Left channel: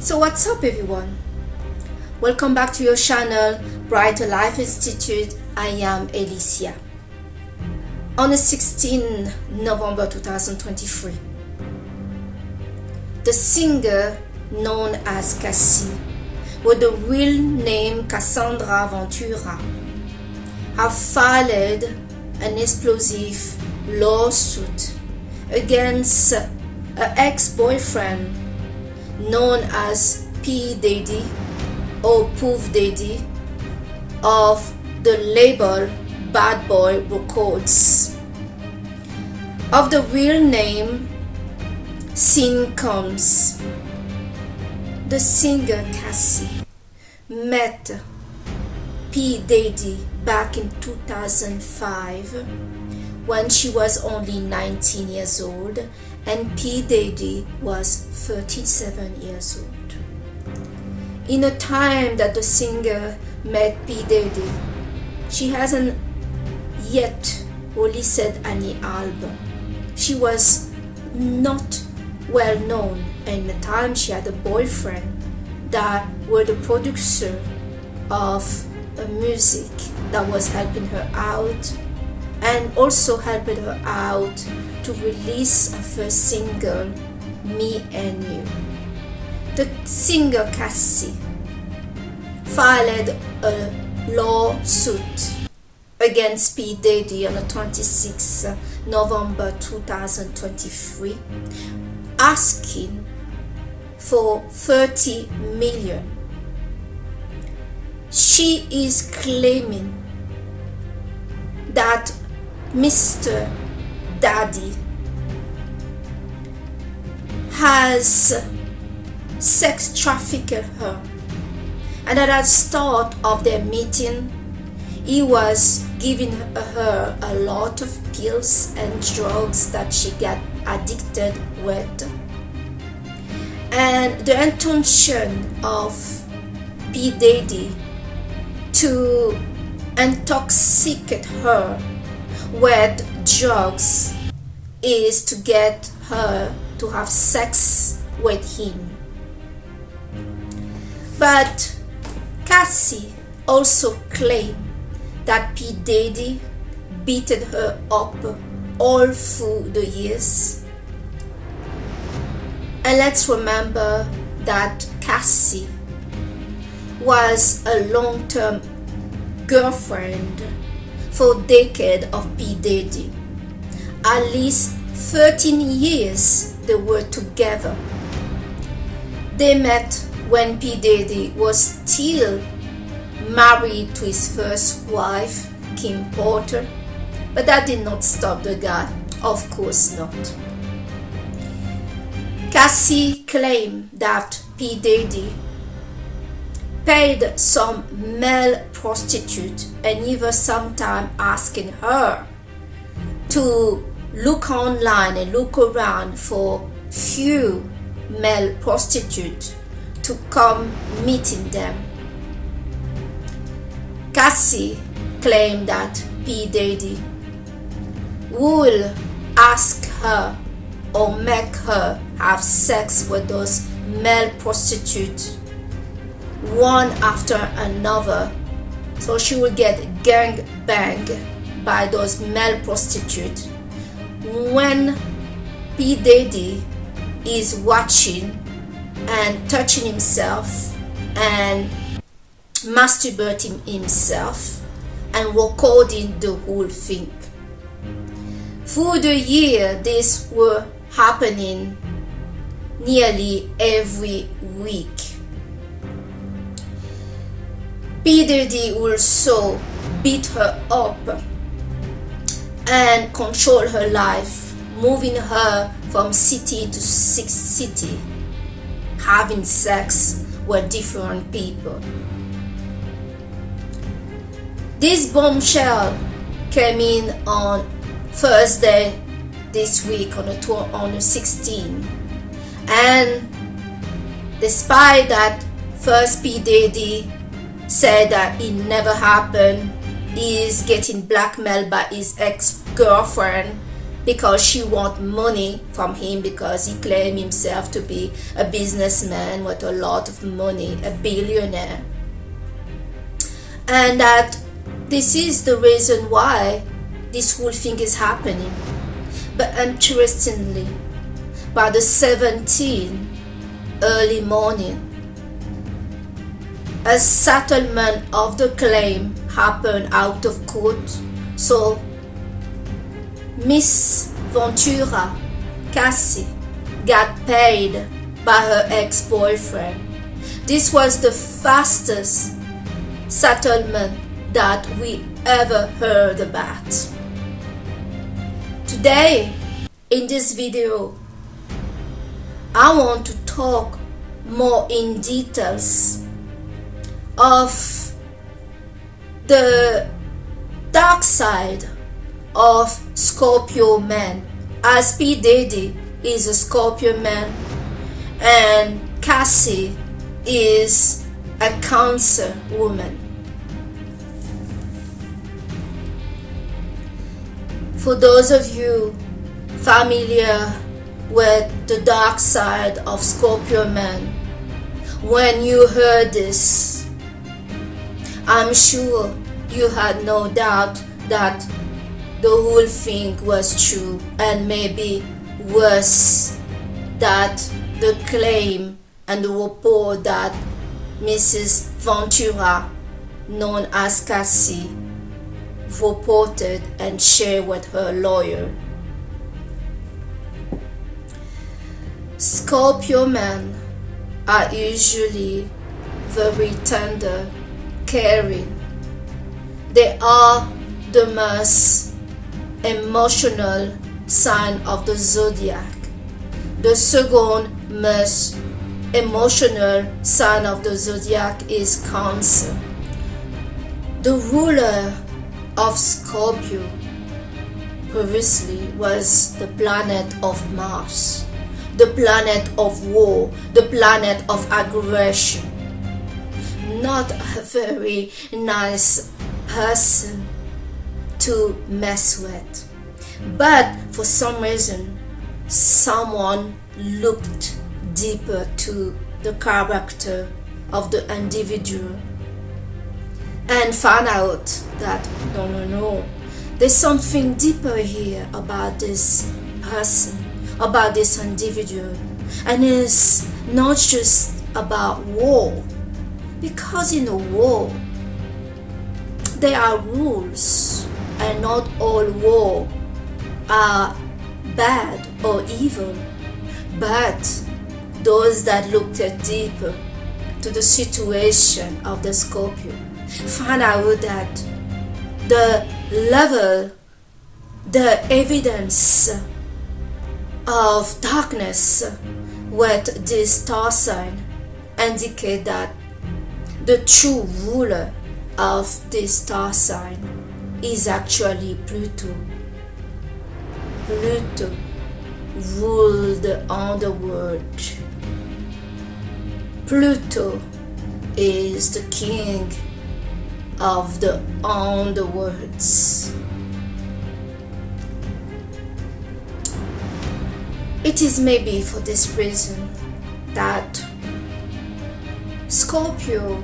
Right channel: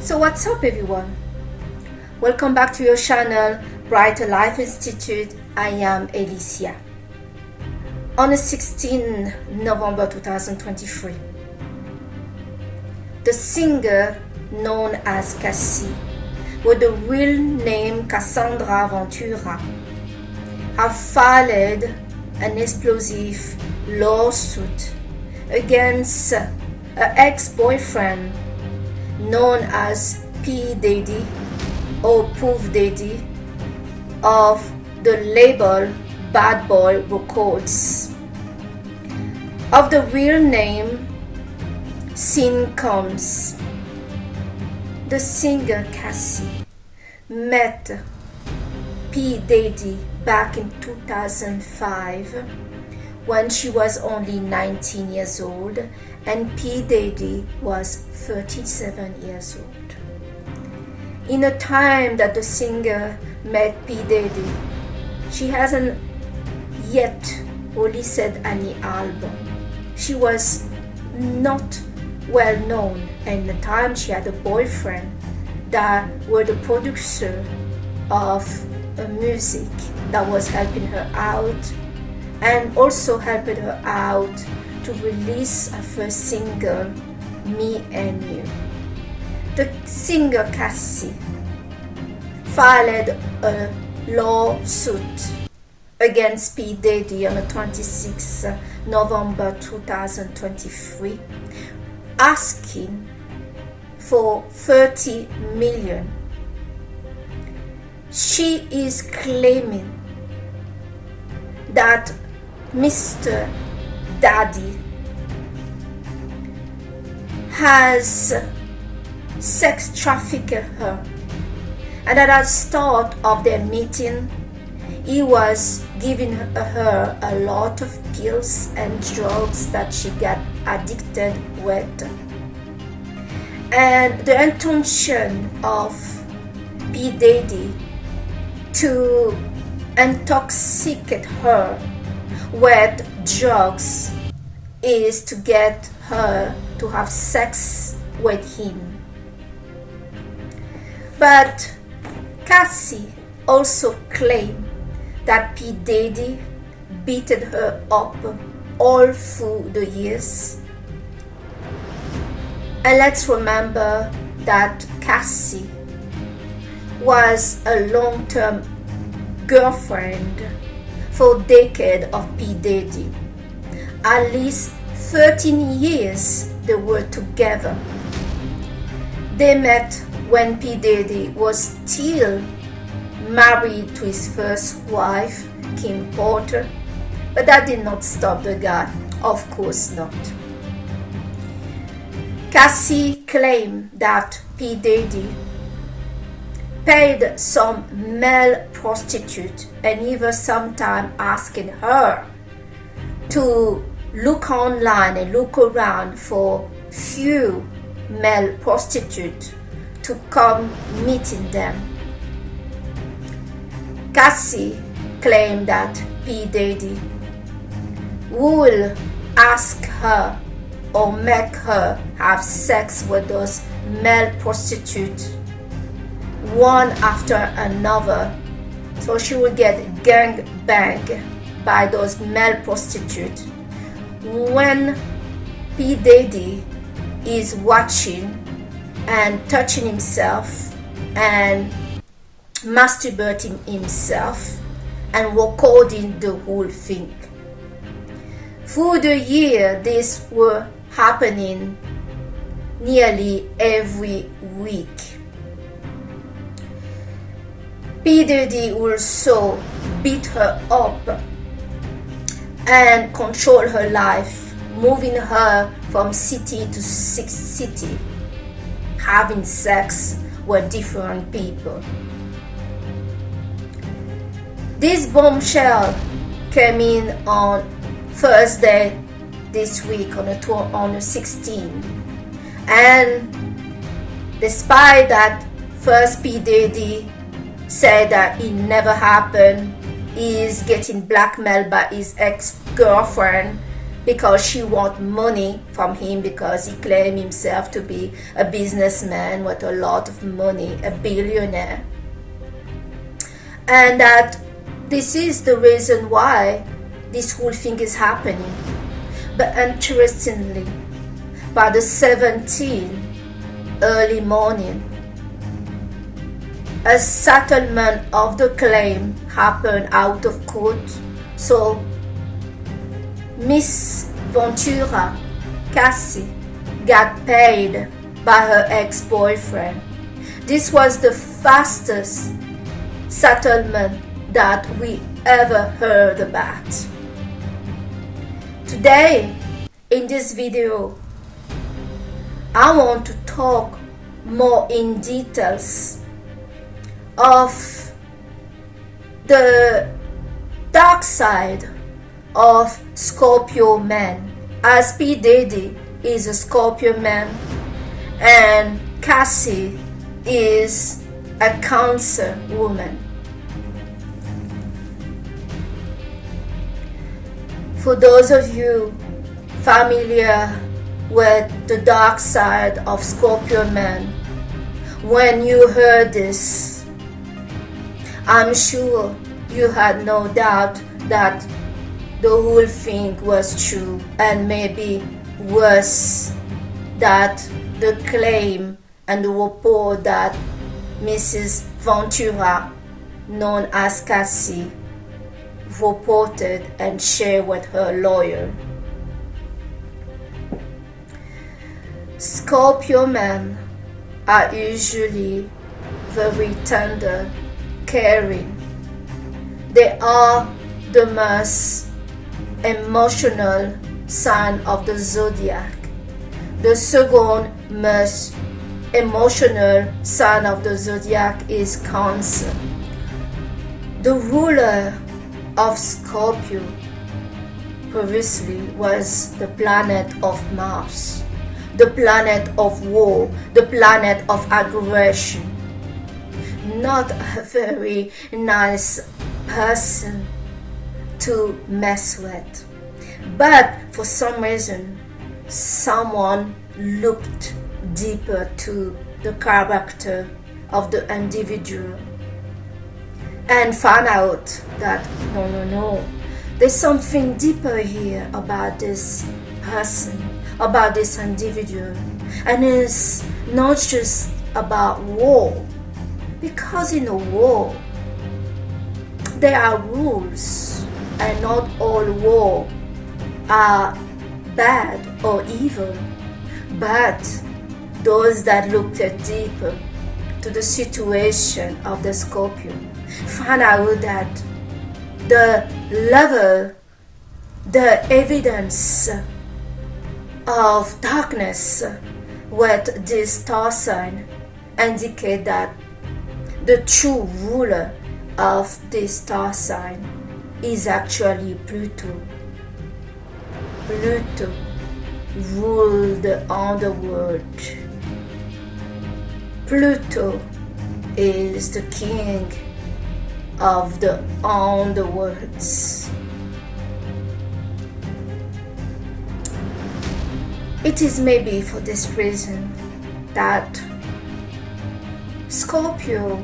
So what's up everyone? Welcome back to your channel Brighter Life Institute. I am Alicia. On the 16th November 2023, the singer known as Cassie, with the real name Cassandra Ventura, have filed an explosive lawsuit against her ex-boyfriend known as P. Diddy or Puff Daddy of the label Bad Boy Records. Of the real name Sin Combs. The singer Cassie met P. Diddy back in 2005 when she was only 19 years old and P. Diddy was 37 years old. In the time that the singer met P. Diddy, she hasn't yet released any album. She was not well known, and in the time she had a boyfriend that was the producer of music that was helping her out and also helping her out to release her first single, Me and You. The singer Cassie filed a lawsuit against P. Diddy on the 26th November 2023, asking for $30 million. She is claiming that Mr. Daddy has sex trafficked her, and at the start of their meeting he was giving her a lot of pills and drugs that she got addicted with, and the intention of P. Diddy to intoxicate her with drugs is to get her to have sex with him. But Cassie also claimed that P. Diddy beat her up all through the years. And let's remember that Cassie was a long-term girlfriend for a decade of P. Diddy. At least 13 years they were together. They met when P. Diddy was still married to his first wife, Kim Porter, but that did not stop the guy, of course not. Cassie claimed that P. Diddy paid some male prostitute and even sometime asking her to look online and look around for few male prostitutes to come meeting them. Cassie claimed that P. Diddy will ask her or make her have sex with those male prostitutes one after another, so she will get gang banged by those male prostitutes when P. Diddy is watching and touching himself and masturbating himself and recording the whole thing. Through the year, this were happening nearly every week. P. Diddy also beat her up and control her life, moving her from city to city, having sex with different people. This bombshell came in on Thursday this week on the 16th, and despite that, first P. Diddy said that it never happened, he is getting blackmailed by his ex-girlfriend, because she want money from him, because he claimed himself to be a businessman with a lot of money, a billionaire. And that this is the reason why this whole thing is happening. But interestingly, by the 17th early morning, a settlement of the claim happened out of court. So Miss Ventura, Cassie, got paid by her ex-boyfriend. This was the fastest settlement that we ever heard about. Today, in this video, I want to talk more in details of the dark side of Scorpio men, as P. Diddy is a Scorpio man and Cassie is a Cancer woman. For those of you familiar with the dark side of Scorpio men, when you heard this, I'm sure you had no doubt that the whole thing was true, and maybe worse, that the claim and the report that Mrs. Ventura, known as Cassie, reported and shared with her lawyer. Scorpio men are usually very tender, caring. They are the most emotional sign of the zodiac. The second most emotional sign of the zodiac is Cancer. The ruler of Scorpio previously was the planet of Mars, the planet of war, the planet of aggression. Not a very nice person to mess with. But for some reason, someone looked deeper to the character of the individual and found out that no, there's something deeper here about this person, about this individual. And it's not just about war, because in a war there are rules, and not all war are bad or evil, but those that looked deeper to the situation of the Scorpio found out that the level, the evidence of darkness with this star sign indicate that the true ruler of this star sign is actually Pluto. Pluto ruled the underworld. Pluto is the king of the underworlds. It is maybe for this reason that Scorpio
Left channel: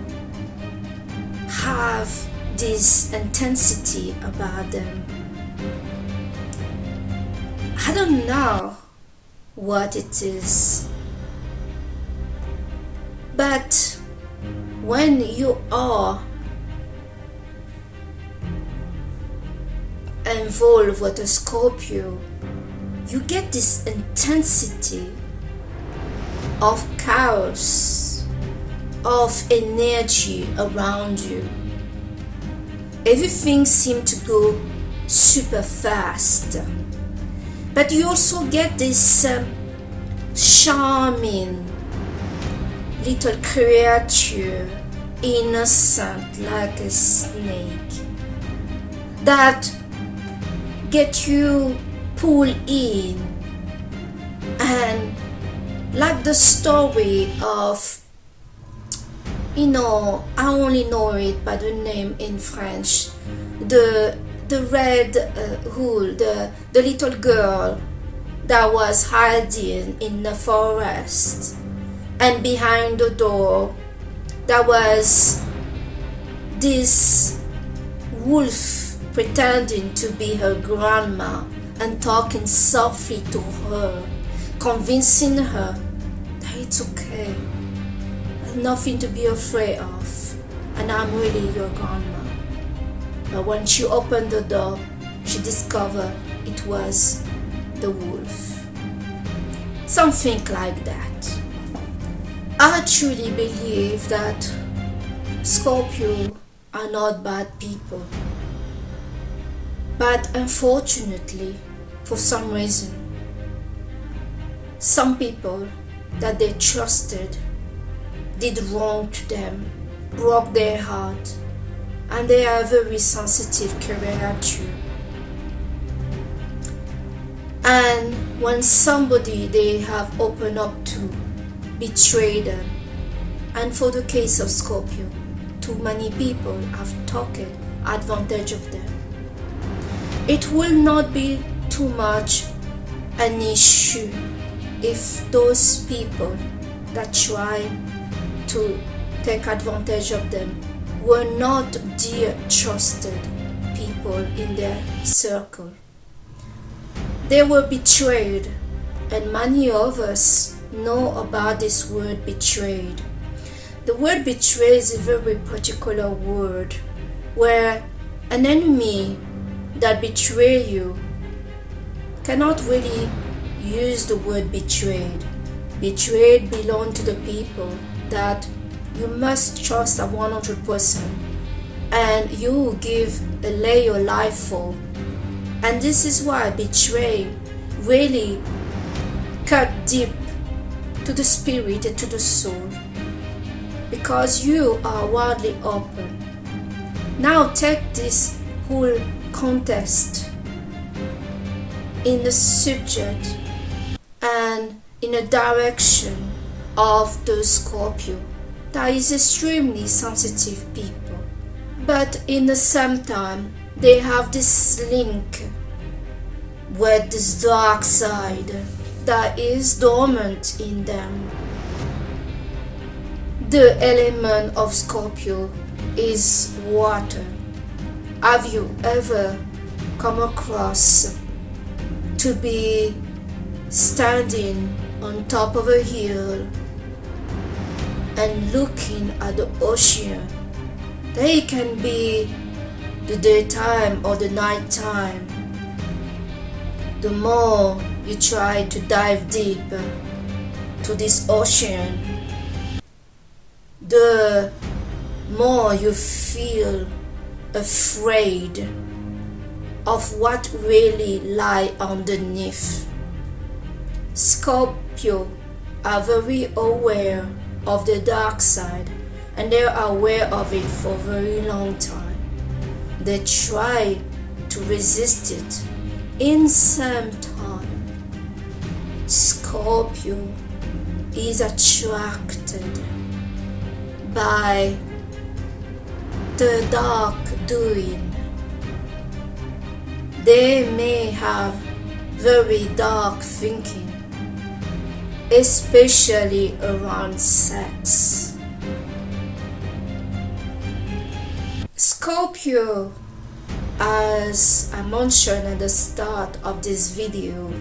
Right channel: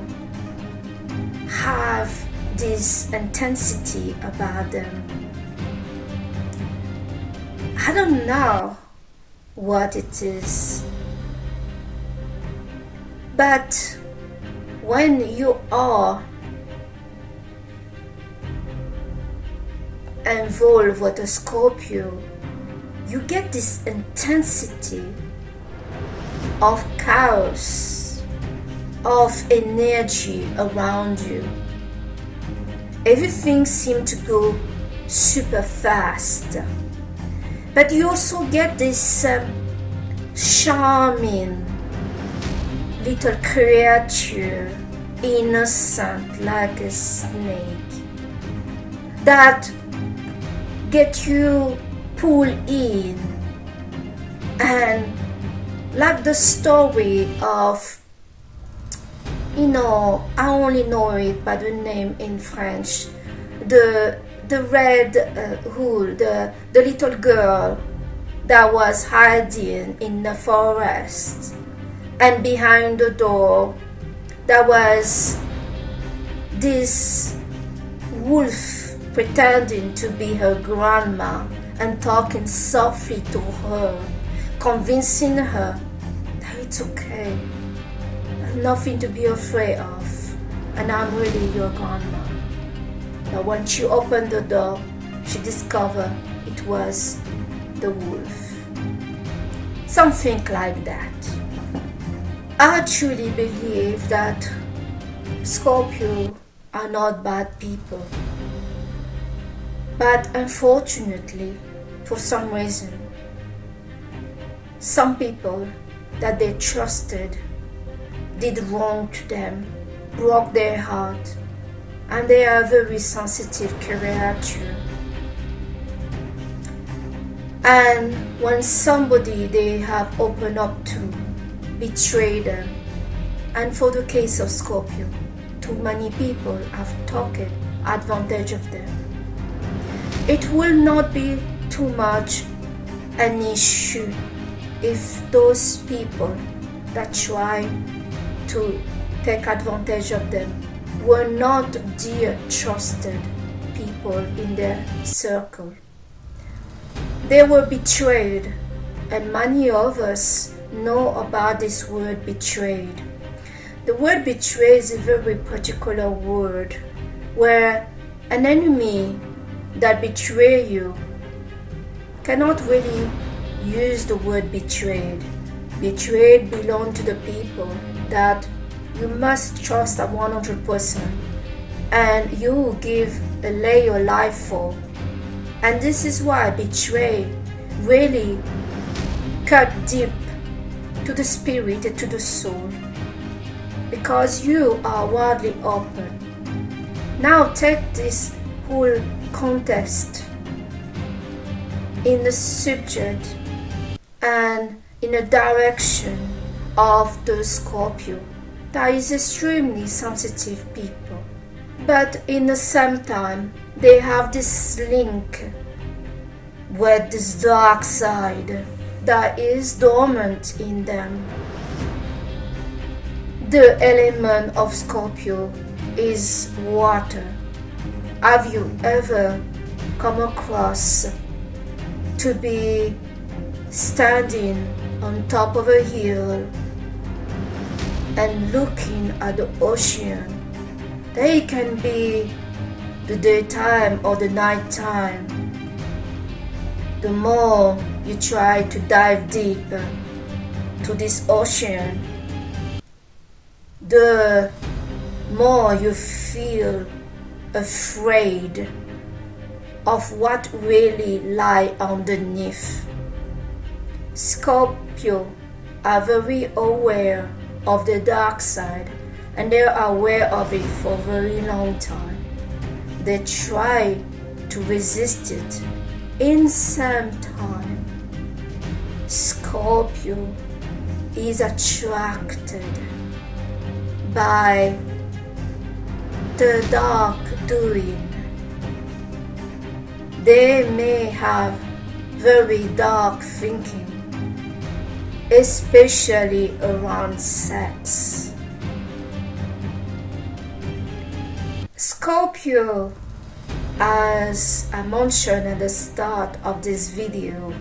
have this intensity about them. I don't know what it is, but when you are involved with a Scorpio, you get this intensity of chaos, of energy around you. Everything seems to go super fast, but you also get this charming little creature, innocent like a snake, that get you pulled in. And like the story of, I only know it by the name in French, the the red hood, the little girl that was hiding in the forest, and behind the door there was this wolf pretending to be her grandma and talking softly to her, convincing her that it's okay, nothing to be afraid of, and I'm really your grandma. But when she opened the door, she discovered it was the wolf. Something like that. I truly believe that Scorpio are not bad people. But unfortunately, for some reason, some people that they trusted did wrong to them, broke their heart, and they are very sensitive creature. And when somebody they have opened up to betray them, and for the case of Scorpio, too many people have taken advantage of them. It will not be too much an issue if those people that try to take advantage of them were not dear trusted people in their circle. They were betrayed, and many of us know about this word betrayed. The word betray is a very particular word where an enemy that betray you cannot really use the word betrayed. Betrayed belong to the people that you must trust 100% and you lay your life for. And this is why betray really cut deep to the spirit and to the soul, because you are wildly open. Now take this whole context in the subject and in a direction of the Scorpio that is extremely sensitive people, but in the same time they have this link with this dark side that is dormant in them. The element of Scorpio is water. Have you ever come across to be standing on top of a hill and looking at the ocean? They can be the daytime or the nighttime. The more you try to dive deep to this ocean, the more you feel afraid of what really lie underneath. Scorpio are very aware of the dark side, and they are aware of it for a very long time. They try to resist it. In some time, Scorpio is attracted by the dark doing. They may have very dark thinking, especially around sex. Scorpio, as I mentioned at the start of this video,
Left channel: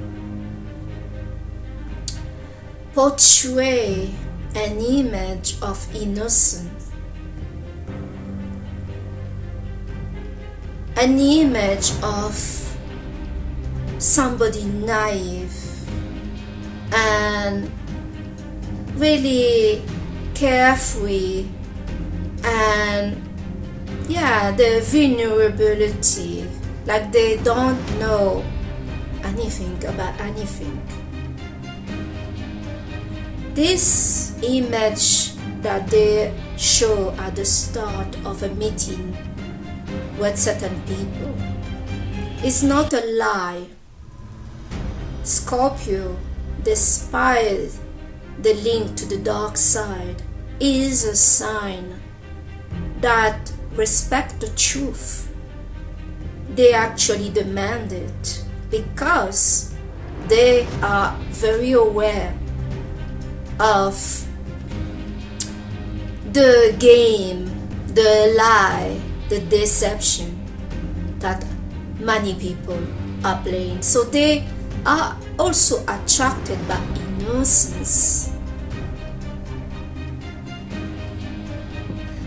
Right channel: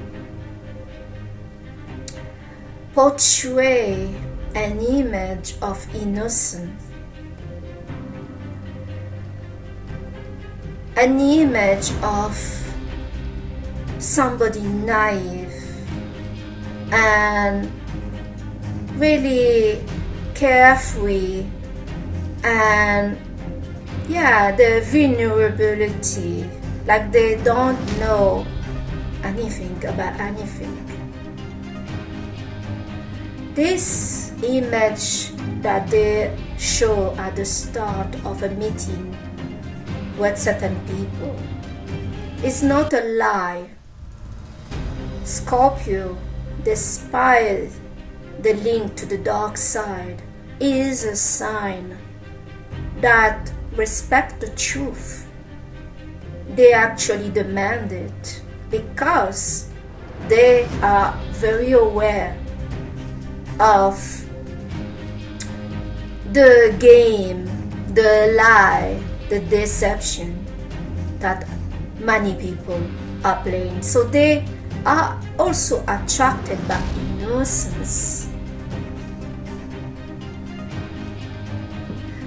portray an image of innocence, an image of somebody naive and really carefree, and the vulnerability, like they don't know anything about anything. This image that they show at the start of a meeting with certain people is not a lie. Scorpio, despite the link to the dark side, is a sign that respect the truth. they actually demand it because they are very aware of the game, the lie, the deception that many people are playing. So they are also attracted by innocence.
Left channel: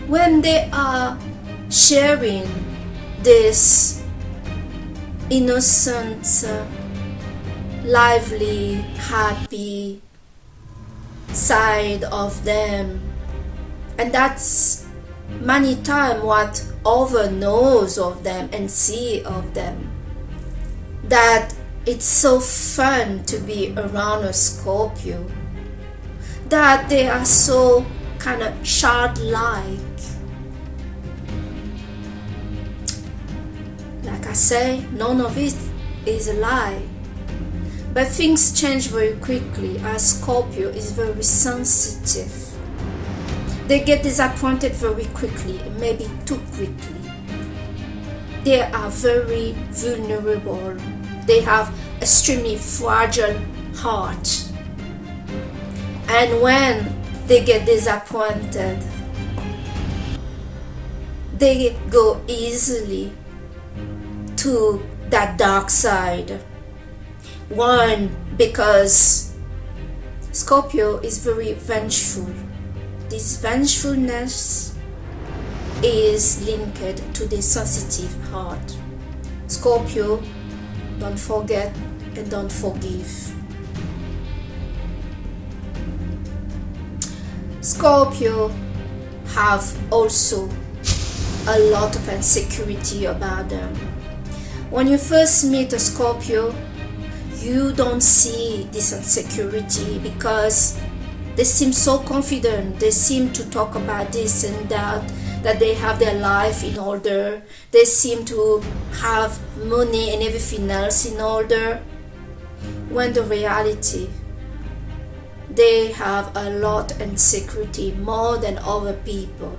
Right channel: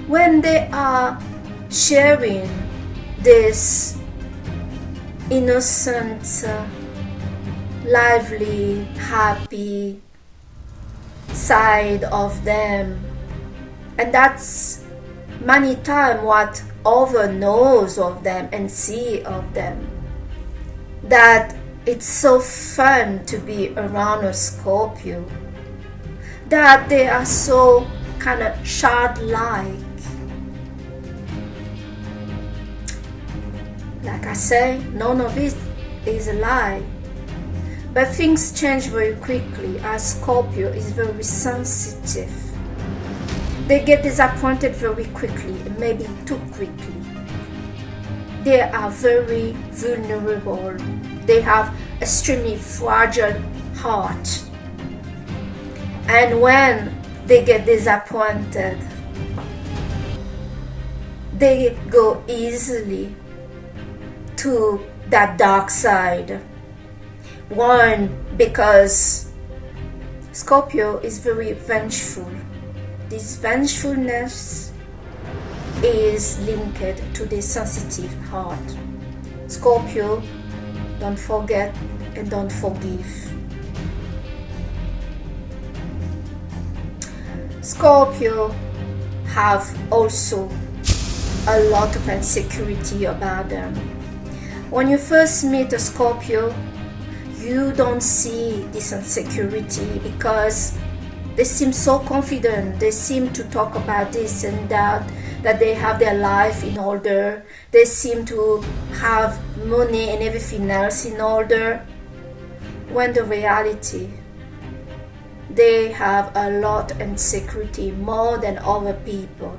When they are sharing this innocent, lively, happy side of them, and that's many times what other knows of them and see of them, that it's so fun to be around a Scorpio, that they are so kind of childlike. Like I say, none of it is a lie. But things change very quickly as Scorpio is very sensitive. They get disappointed very quickly, maybe too quickly. They are very vulnerable. They have extremely fragile heart. And when they get disappointed, they go easily to that dark side. One, because Scorpio is very vengeful. This vengefulness is linked to the sensitive heart. Scorpio don't forget and don't forgive. Scorpio have also a lot of insecurity about them. When you first meet a Scorpio, you don't see this insecurity because they seem so confident. They seem to talk about this and that they have their life in order. They seem to have money and everything else in order. When the reality, they have a lot of insecurity, more than other people.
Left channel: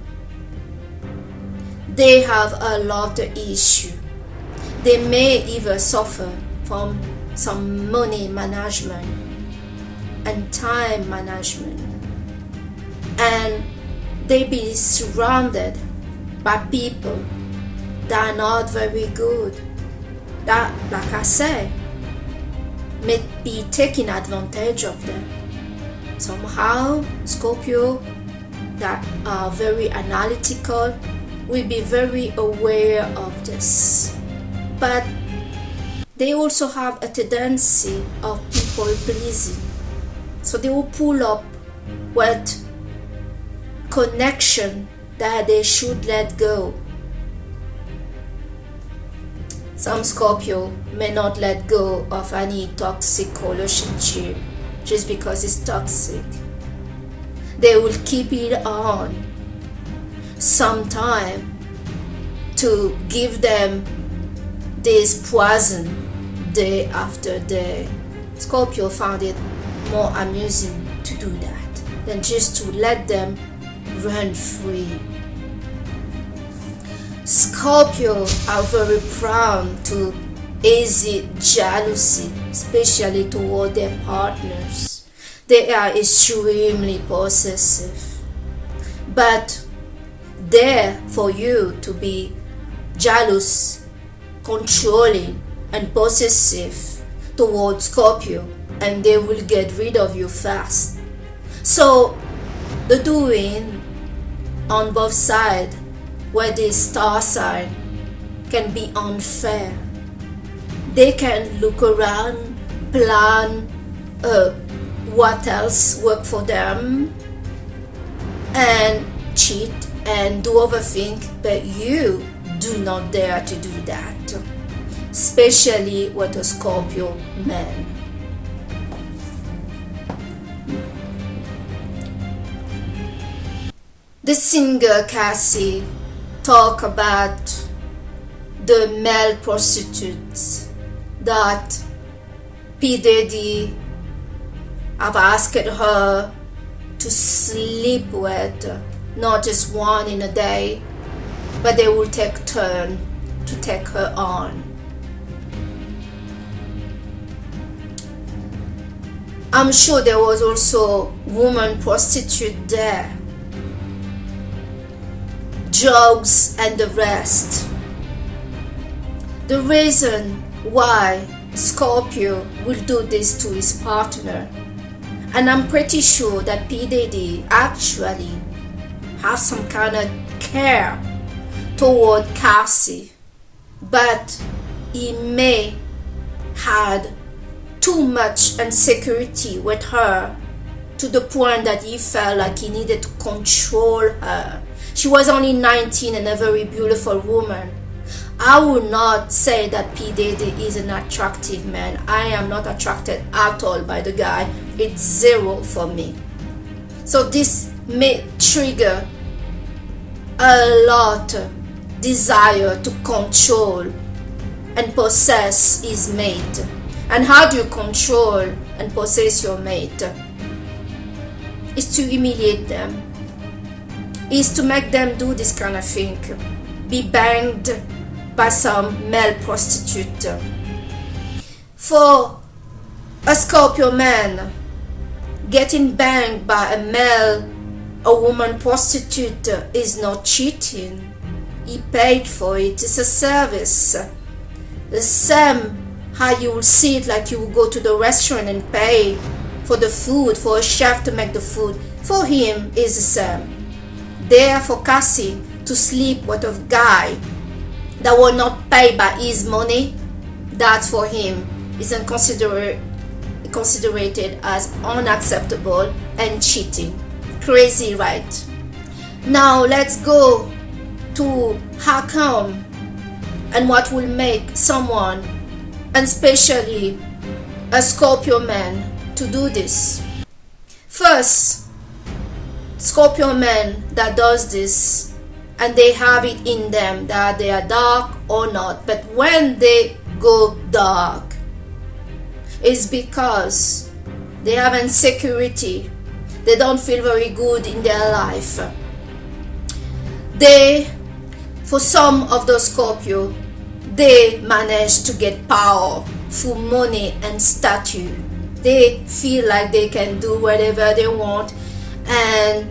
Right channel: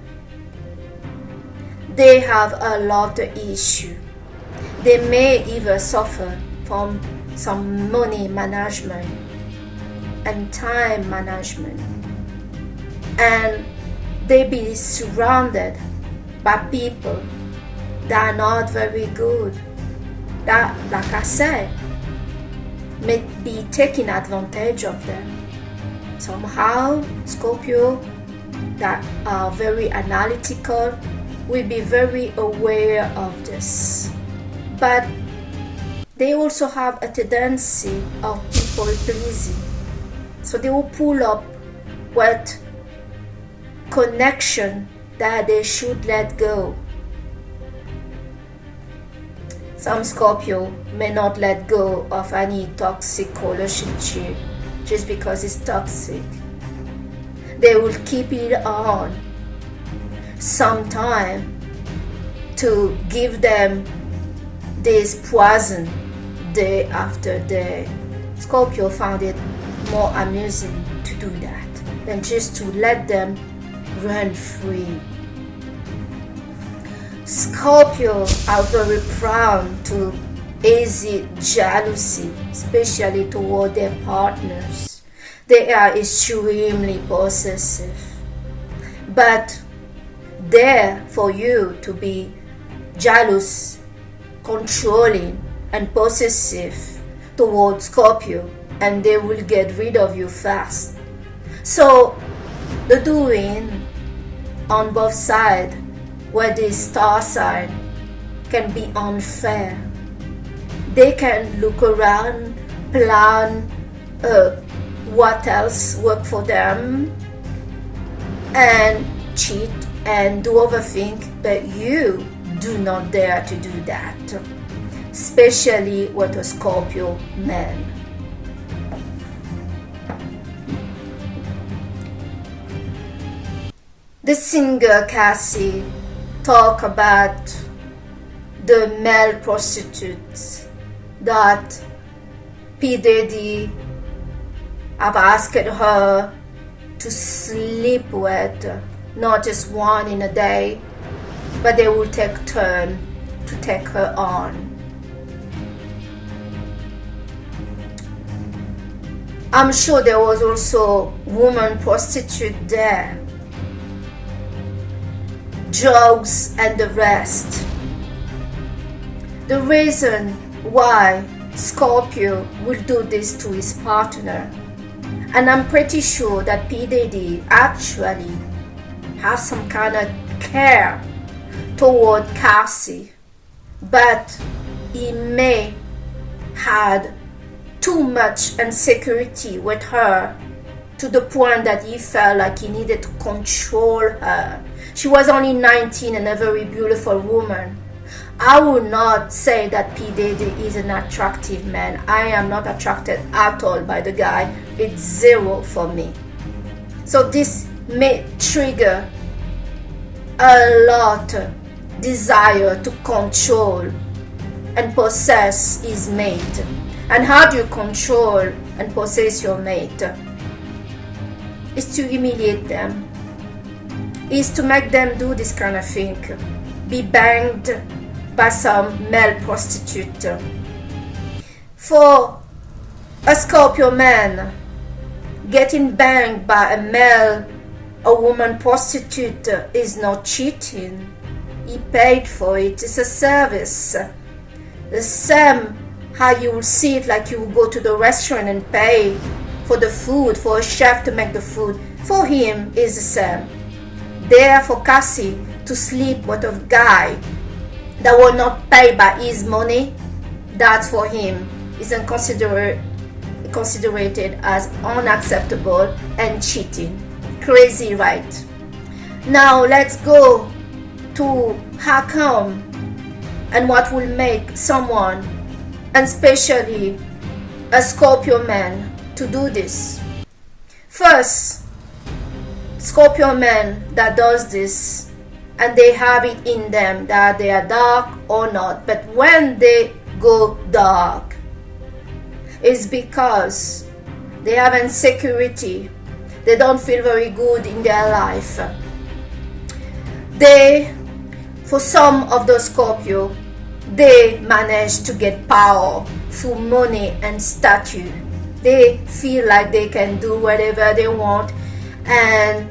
They have a lot of issue. They may even suffer from some money management and time management, and they be surrounded by people that are not very good, that, like I said, may be taking advantage of them. Somehow Scorpio that are very analytical will be very aware of this, but they also have a tendency of people pleasing. So they will pull up what connection that they should let go. Some Scorpio may not let go of any toxic relationship just because it's toxic. They will keep it on sometime to give them this poison day after day. Scorpio found it more amusing to do that than just to let them run free. Scorpio are very prone to easy jealousy, especially toward their partners. They are extremely possessive, but dare for you to be jealous, controlling, and possessive towards Scorpio, and they will get rid of you fast. So the doing on both sides, where the star sign can be unfair. They can look around, plan what else work for them, and cheat and do other things, but you do not dare to do that, especially with a Scorpio man. The singer Cassie talk about the male prostitutes that P. Diddy have asked her to sleep with, not just one in a day, but they will take turn to take her on. I'm sure there was also woman prostitute there, drugs and the rest. The reason why Scorpio will do this to his partner, and I'm pretty sure that P. Diddy actually have some kind of care toward Cassie, but he may had too much insecurity with her to the point that he felt like he needed to control her. She was only 19 and a very beautiful woman. I would not say that P. Diddy is an attractive man. I am not attracted at all by the guy. It's zero for me. So this may trigger a lot of desire to control and possess his mate. And how do you control and possess your mate? Is to humiliate them. Is to make them do this kind of thing. Be banged by some male prostitute. For a Scorpio man, getting banged by a woman prostitute is not cheating. He paid for it. It's a service. The same how you will see it, like you will go to the restaurant and pay for the food, for a chef to make the food. For him is the same. There for Cassie to sleep with a guy that will not pay by his money, that for him is considered as unacceptable and cheating. Crazy, right? Now let's go to how come and what will make someone, and especially a Scorpio man, to do this. First, Scorpio man that does this, and they have it in them that they are dark or not, but when they go dark, it's because they have insecurity. They don't feel very good in their life. For some of the Scorpio, they manage to get power through money and statute. They feel like they can do whatever they want and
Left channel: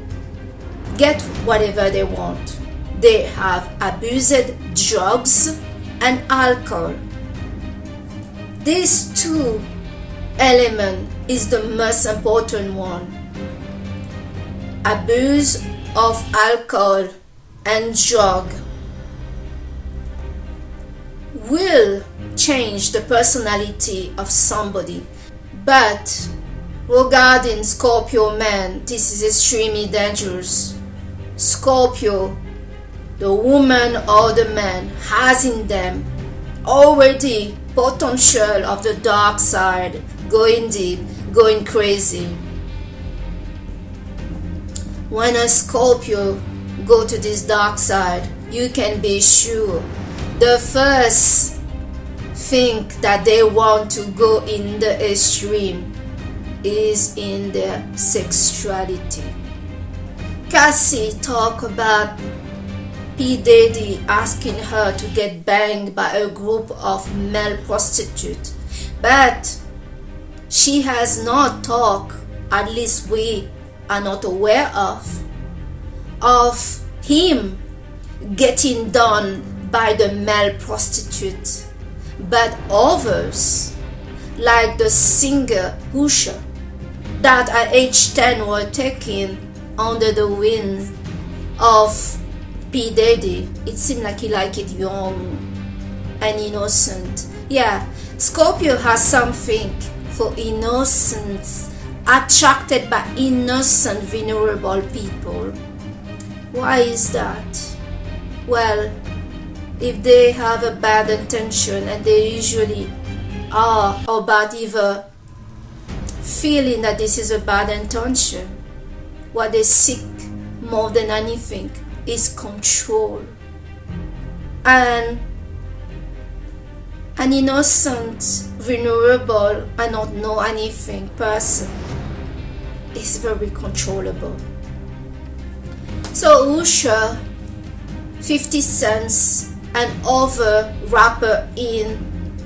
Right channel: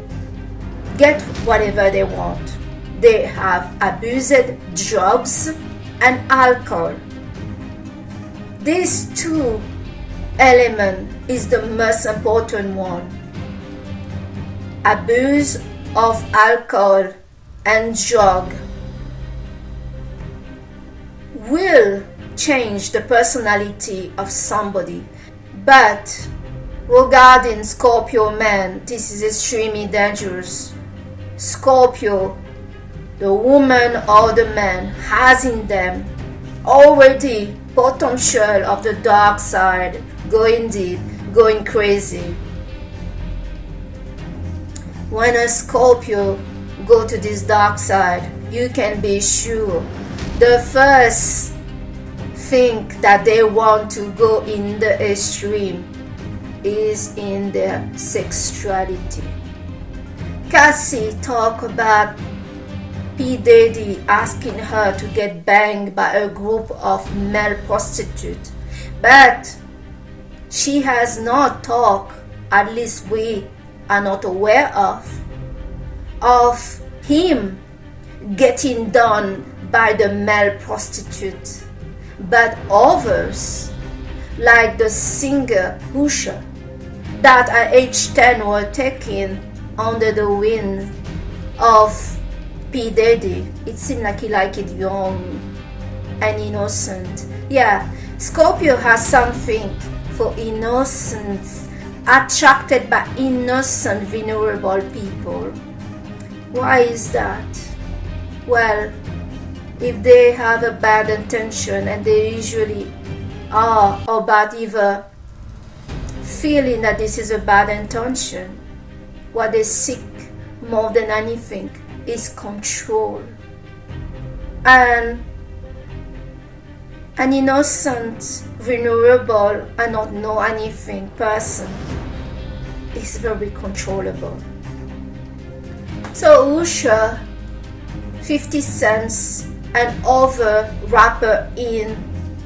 get whatever they want. They have abused drugs and alcohol. These two elements is the most important one. Abuse of alcohol and drug will change the personality of somebody. But regarding Scorpio man, this is extremely dangerous. Scorpio, the woman or the man, has in them already potential of the dark side, going deep, going crazy. When a Scorpio go to this dark side, you can be sure the first thing that they want to go in the extreme is in their sexuality. Cassie talked about P. Diddy asking her to get banged by a group of male prostitutes, but she has not talked, at least we are not aware of him getting done by the male prostitute. But others, like the singer Usher, that at age 10 were taken under the wing of P. Diddy. It seemed like he liked it young and innocent. Yeah, Scorpio has something for innocence, attracted by innocent, vulnerable people. Why is that? Well, if they have a bad intention, and they usually are, about either feeling that this is a bad intention, what they seek more than anything is control. And an innocent, vulnerable, and not know anything person is very controllable. So Usher, 50 Cent, and other rappers in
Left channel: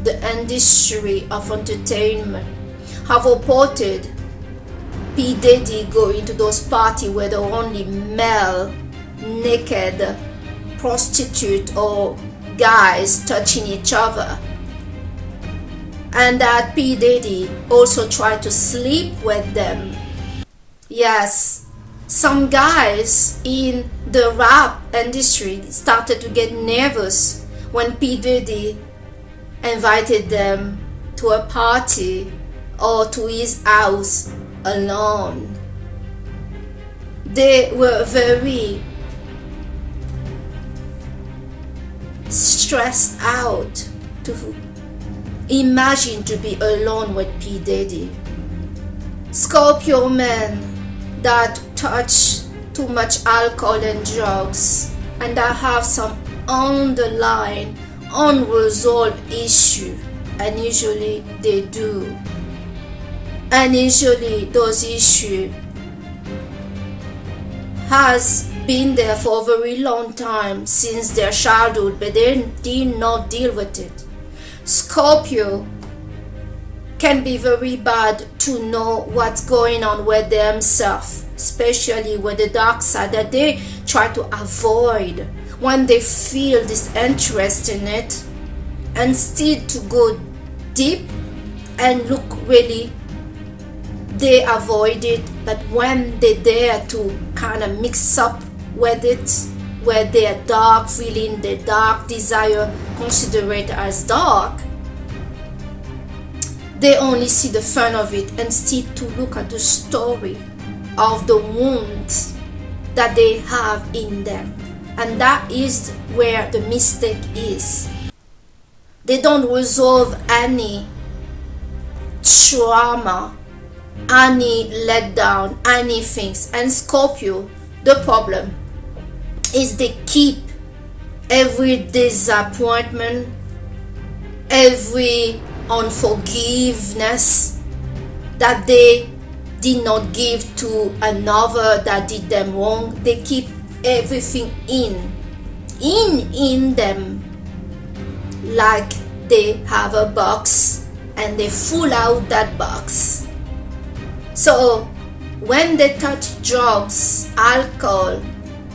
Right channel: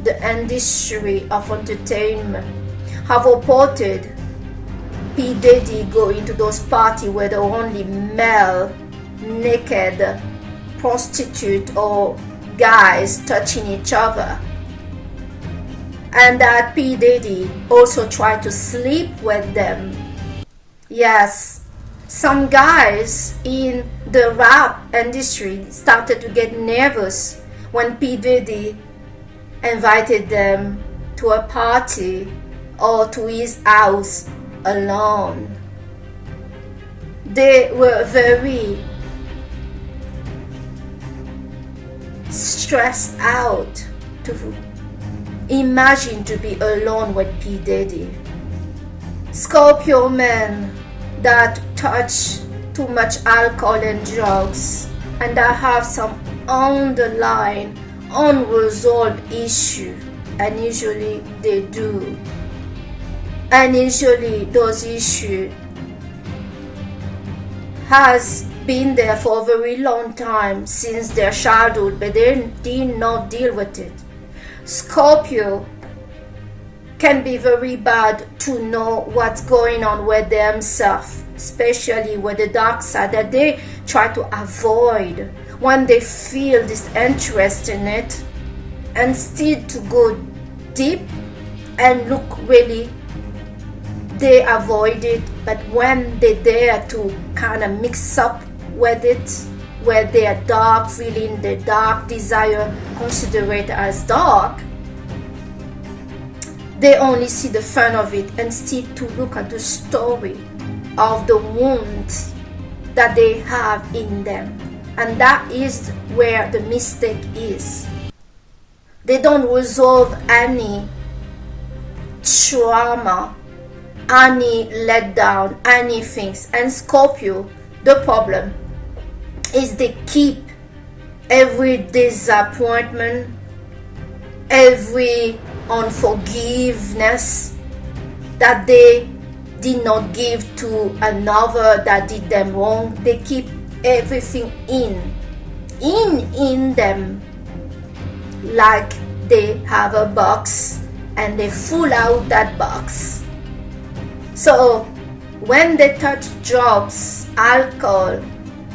the industry of entertainment have reported P. Diddy going to those parties where the only male naked prostitute or guys touching each other, and that P. Diddy also tried to sleep with them. Yes, some guys in the rap industry started to get nervous when P. Diddy invited them to a party or to his house alone. They were very stressed out to imagine to be alone with P. Diddy. Scorpio men that touch too much alcohol and drugs and that have some underlying unresolved issue, and usually they do, and usually those issues has been there for a very long time since their childhood, but they did not deal with it. Scorpio can be very bad to know what's going on with themselves, especially with the dark side that they try to avoid when they feel this interest in it, instead to go deep and look really, they avoid it. But when they dare to kind of mix up with it, where their dark feeling, their dark desire, consider it as dark, they only see the fun of it instead to look at the story of the wounds that they have in them. And that is where the mistake is. They don't resolve any trauma, any letdown, any things. And Scorpio, the problem is they keep every disappointment, every unforgiveness that they did not give to another that did them wrong. They keep everything in them, like they have a box and they full out that box. So when they touch drugs, alcohol,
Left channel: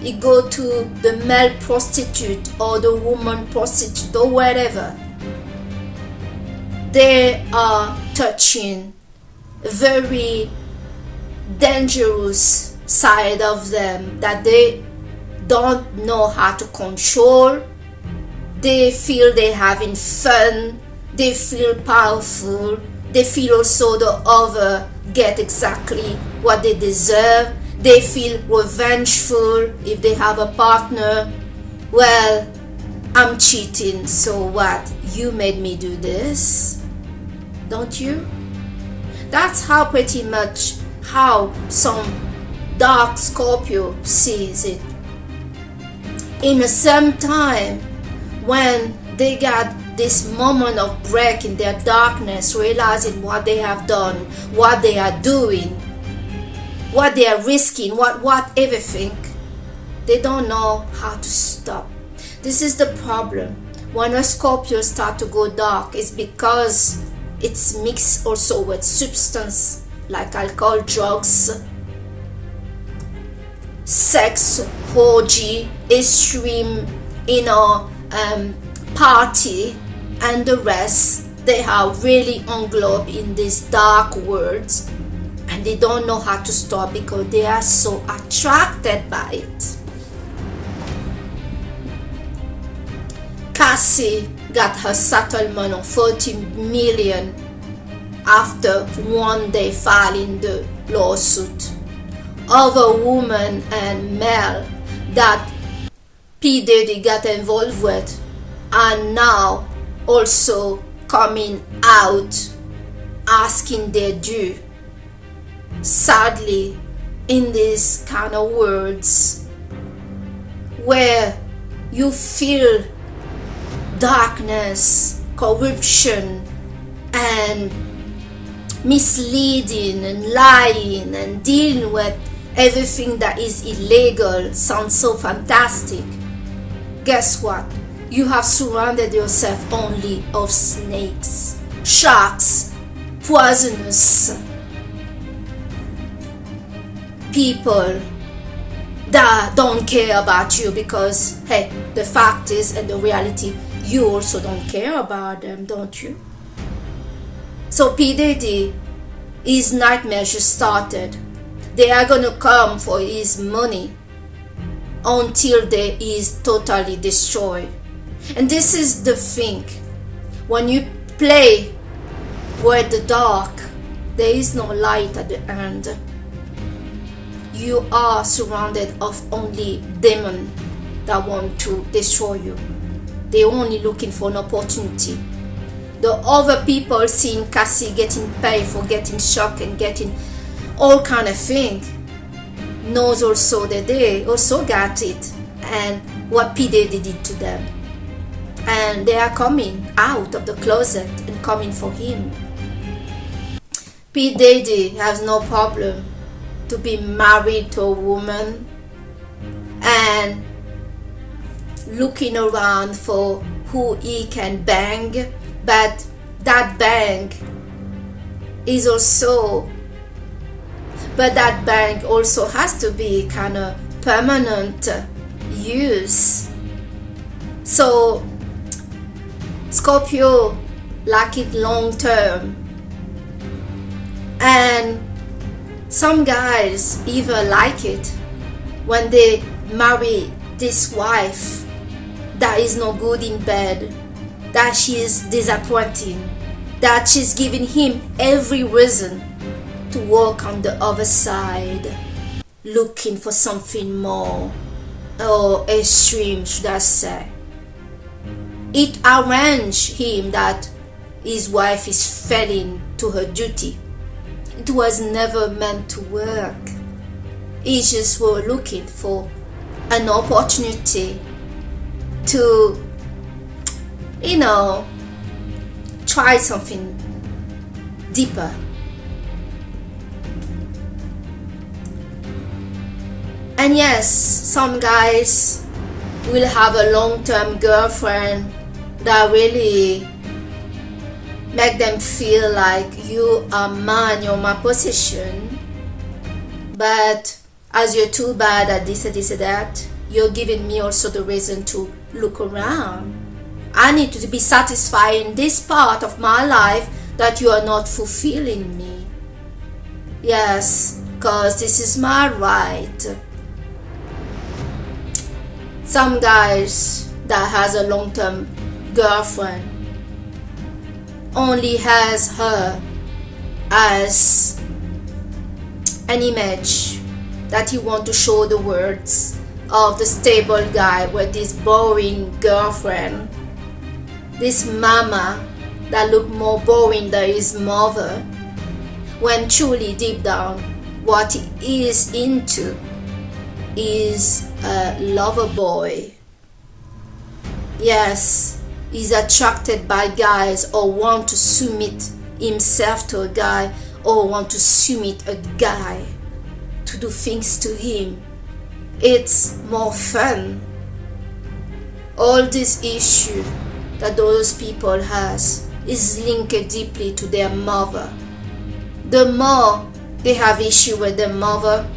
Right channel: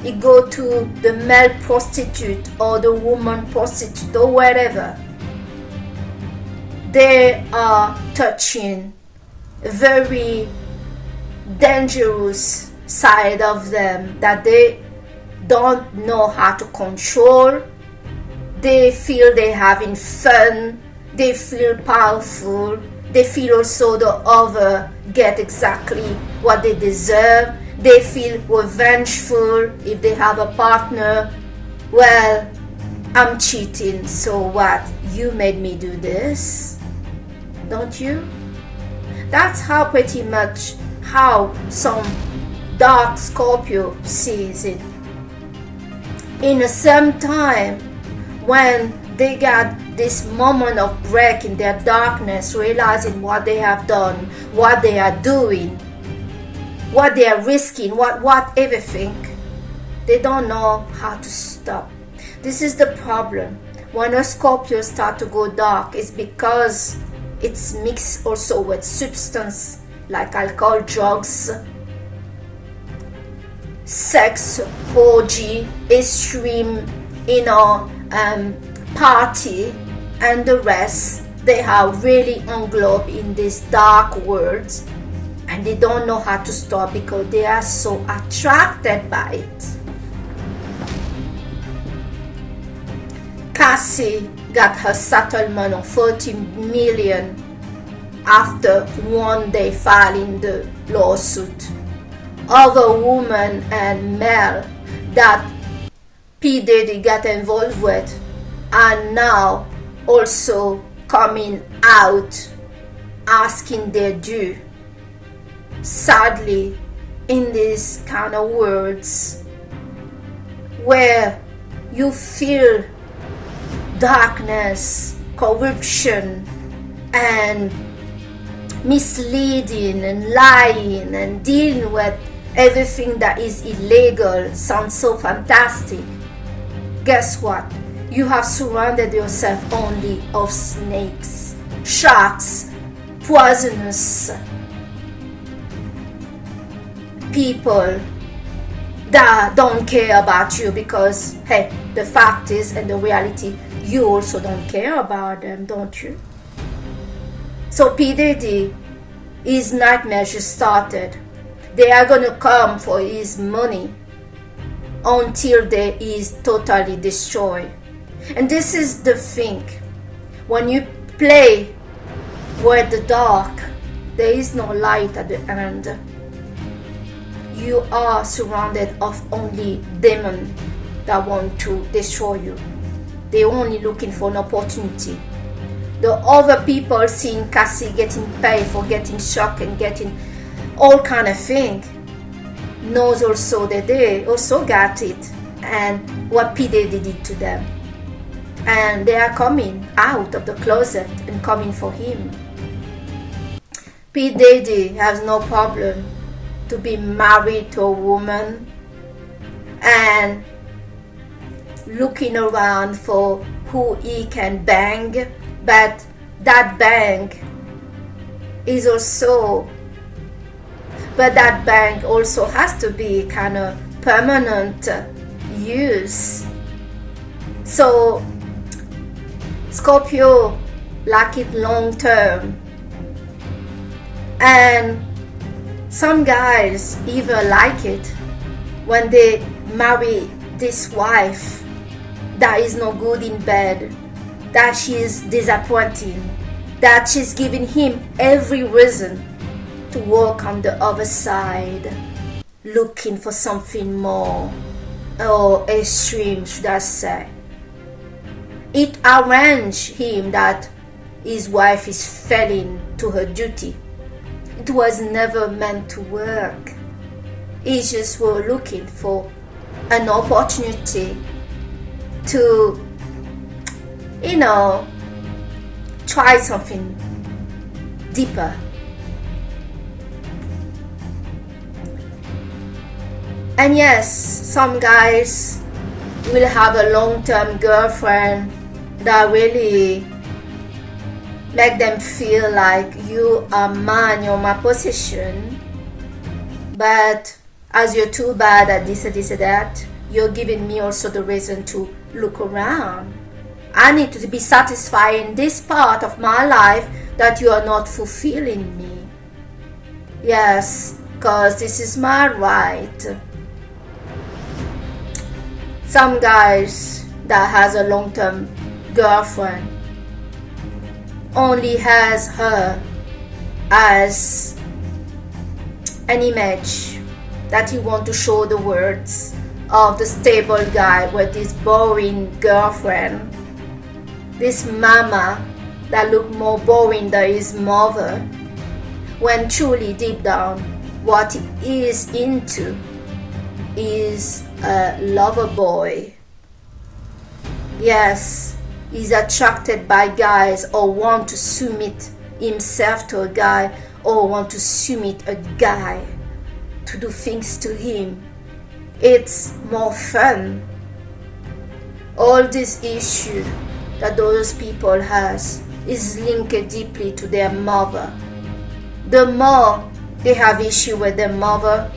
it go to the male prostitute or the woman prostitute or whatever, they are touching very dangerous side of them that they don't know how to control. They feel they having fun, they feel powerful, they feel also the other get exactly what they deserve. They feel revengeful if they have a partner. Well, I'm cheating, so what? You made me do this, don't you? That's how pretty much how some dark Scorpio sees it. In the same time, when they got this moment of break in their darkness, realizing what they have done, what they are doing, what they are risking, what everything, they don't know how to stop. This is the problem. When a Scorpio start to go dark, it's because it's mixed also with substance like alcohol, drugs, sex, orgy, extreme, party, and the rest. They are really englobed in these dark words, and they don't know how to stop because they are so attracted by it. Cassie got her settlement of $40 million after one day filing the lawsuit. Other women and male that P. Diddy got involved with are now also coming out asking their due. Sadly, in these kind of words where you feel darkness, corruption, and misleading and lying and dealing with everything that is illegal sounds so fantastic. Guess what? You have surrounded yourself only of snakes, sharks, poisonous people that don't care about you, because hey, the fact is, and the reality, you also don't care about them, don't you? So P. Diddy, his nightmares just started. They are gonna come for his money until they is totally destroyed. And this is the thing. When you play with the dark, there is no light at the end. You are surrounded of only demons that want to destroy you. They're only looking for an opportunity. The other people seeing Cassie getting paid for getting shocked and getting all kind of thing knows also that they also got it, and what P. Diddy did to them. And they are coming out of the closet and coming for him. P. Diddy has no problem to be married to a woman and looking around for who he can bang, but that bang also has to be kind of permanent use. So Scorpio like it long term, and some guys even like it when they marry this wife that is no good in bed, that she is disappointing, that she's giving him every reason to walk on the other side, looking for something more, or extreme, should I say. It arranged him that his wife is failing to her duty. It was never meant to work. He just were looking for an opportunity to, try something deeper. And yes, some guys will have a long-term girlfriend that really make them feel like you are mine, you're my possession. But as you're too bad at this and this and that, you're giving me also the reason to look around. I need to be satisfied in this part of my life that you are not fulfilling me. Yes, because this is my right. Some guys that has a long-term girlfriend only has her as an image that he want to show the words of the stable guy with this boring girlfriend, this mama that look more boring than his mother, when truly deep down what he is into is a lover boy. Yes, he's attracted by guys or want to submit himself to a guy or want to submit a guy to do things to him. It's more fun. All this issue that those people has is linked deeply to their mother. The more they have issue with their mother,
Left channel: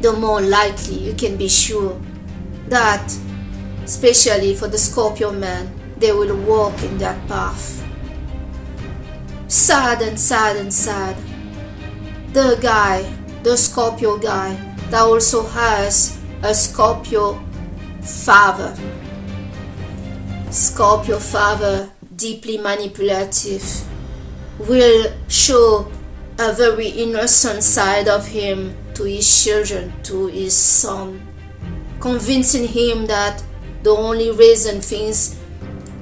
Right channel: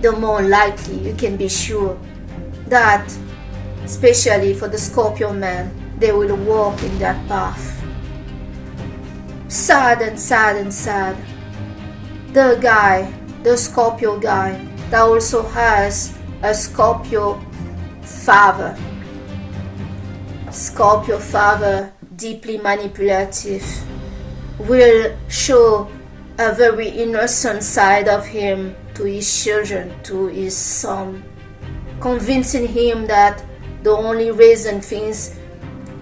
the more likely you can be sure that, especially for the Scorpio man, they will walk in that path. Sad and sad and sad. The Scorpio guy that also has a Scorpio father. Scorpio father, deeply manipulative, will show a very innocent side of him to his children, to his son, convincing him that the only reason things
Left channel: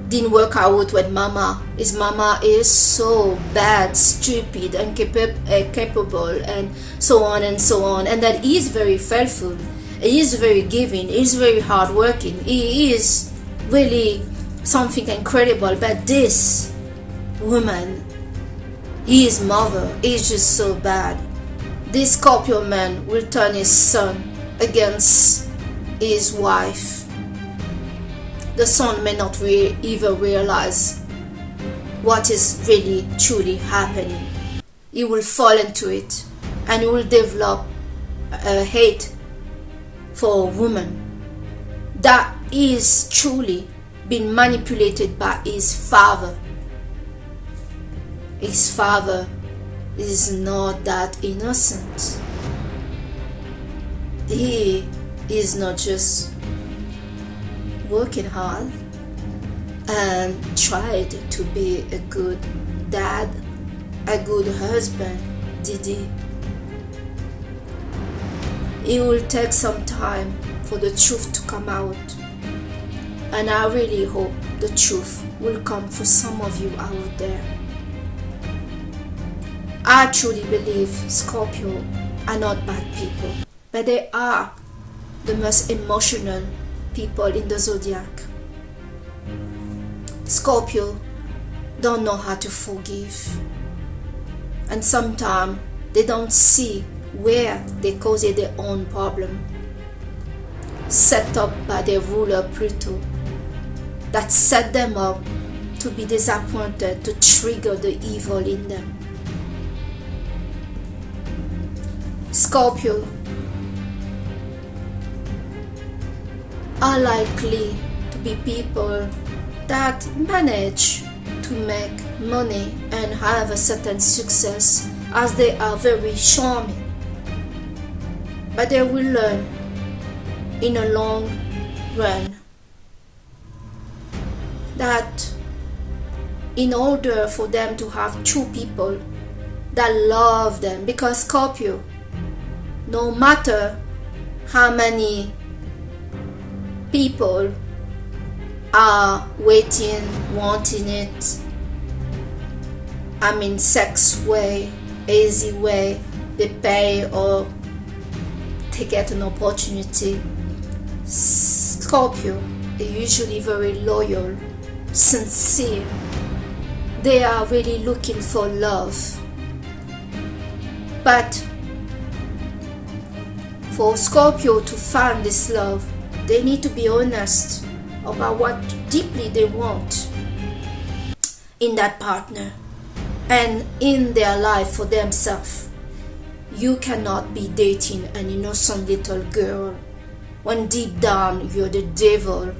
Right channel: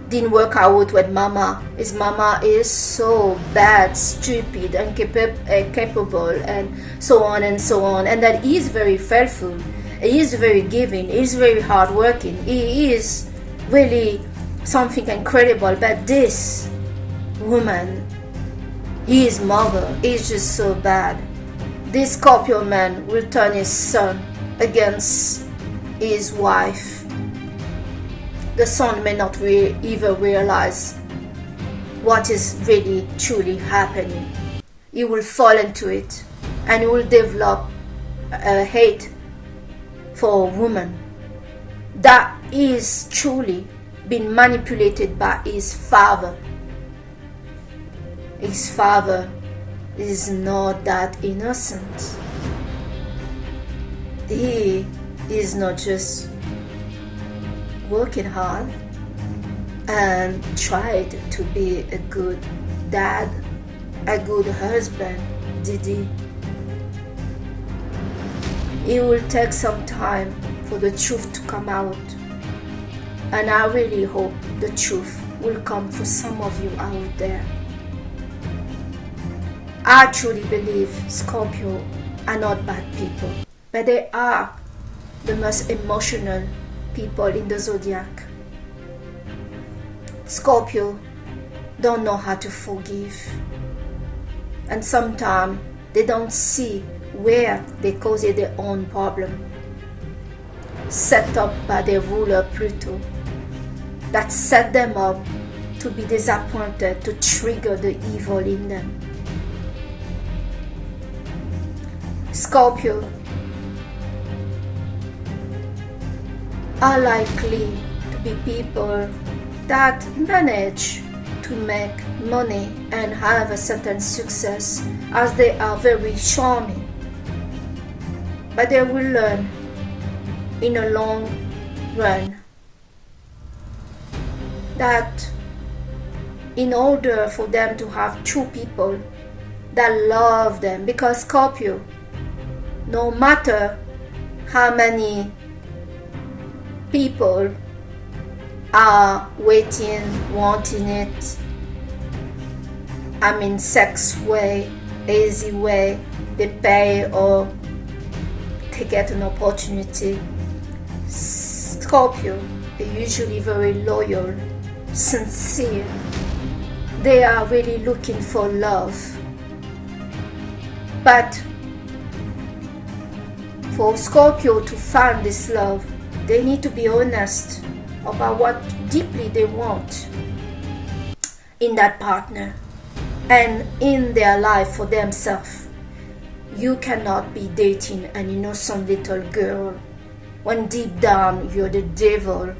didn't work out with mama is so bad, stupid, incapable, and so on and so on, and that he is very faithful, he is very giving, he is very hardworking, he is really something incredible. But this woman, his mother, is just so bad. This Scorpio man will turn his son against his wife. the sun may not even realize what is really truly happening. He will fall into it, and he will develop a hate for a woman that is truly been manipulated by his father. His father is not that innocent. He is not just working hard and tried to be a good dad, a good husband, did he? It will take some time for the truth to come out, and I really hope the truth will come for some of you out there. I truly believe Scorpio are not bad people, but they are the most emotional people in the zodiac. Scorpio don't know how to forgive, and sometimes they don't see where they caused their own problem, set up by their ruler Pluto, that set them up to be disappointed, to trigger the evil in them. Scorpio are likely to be people that manage to make money and have a certain success, as they are very charming. But they will learn in a long run that in order for them to have true people that love them, because Scorpio, no matter how many people are waiting, wanting it, sex way, easy way, they pay or they get an opportunity. Scorpio are usually very loyal, sincere. They are really looking for love. But for Scorpio to find this love, they need to be honest about what deeply they want in that partner and in their life for themselves. You cannot be dating an innocent little girl when deep down you're the devil.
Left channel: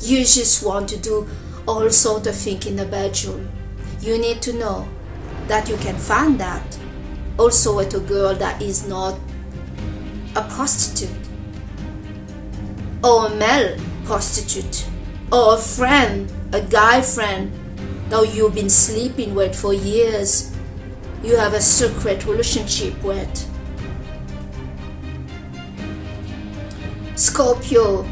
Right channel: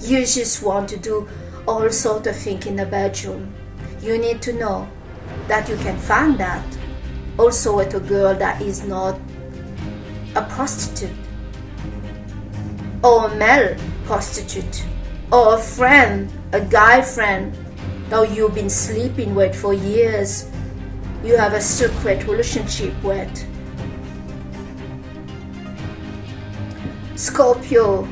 You just want to do all sort of things in the bedroom. You need to know that you can find that also with a girl that is not a prostitute, or a male prostitute, or a friend, a guy friend that you've been sleeping with for years, you have a secret relationship with. Scorpio,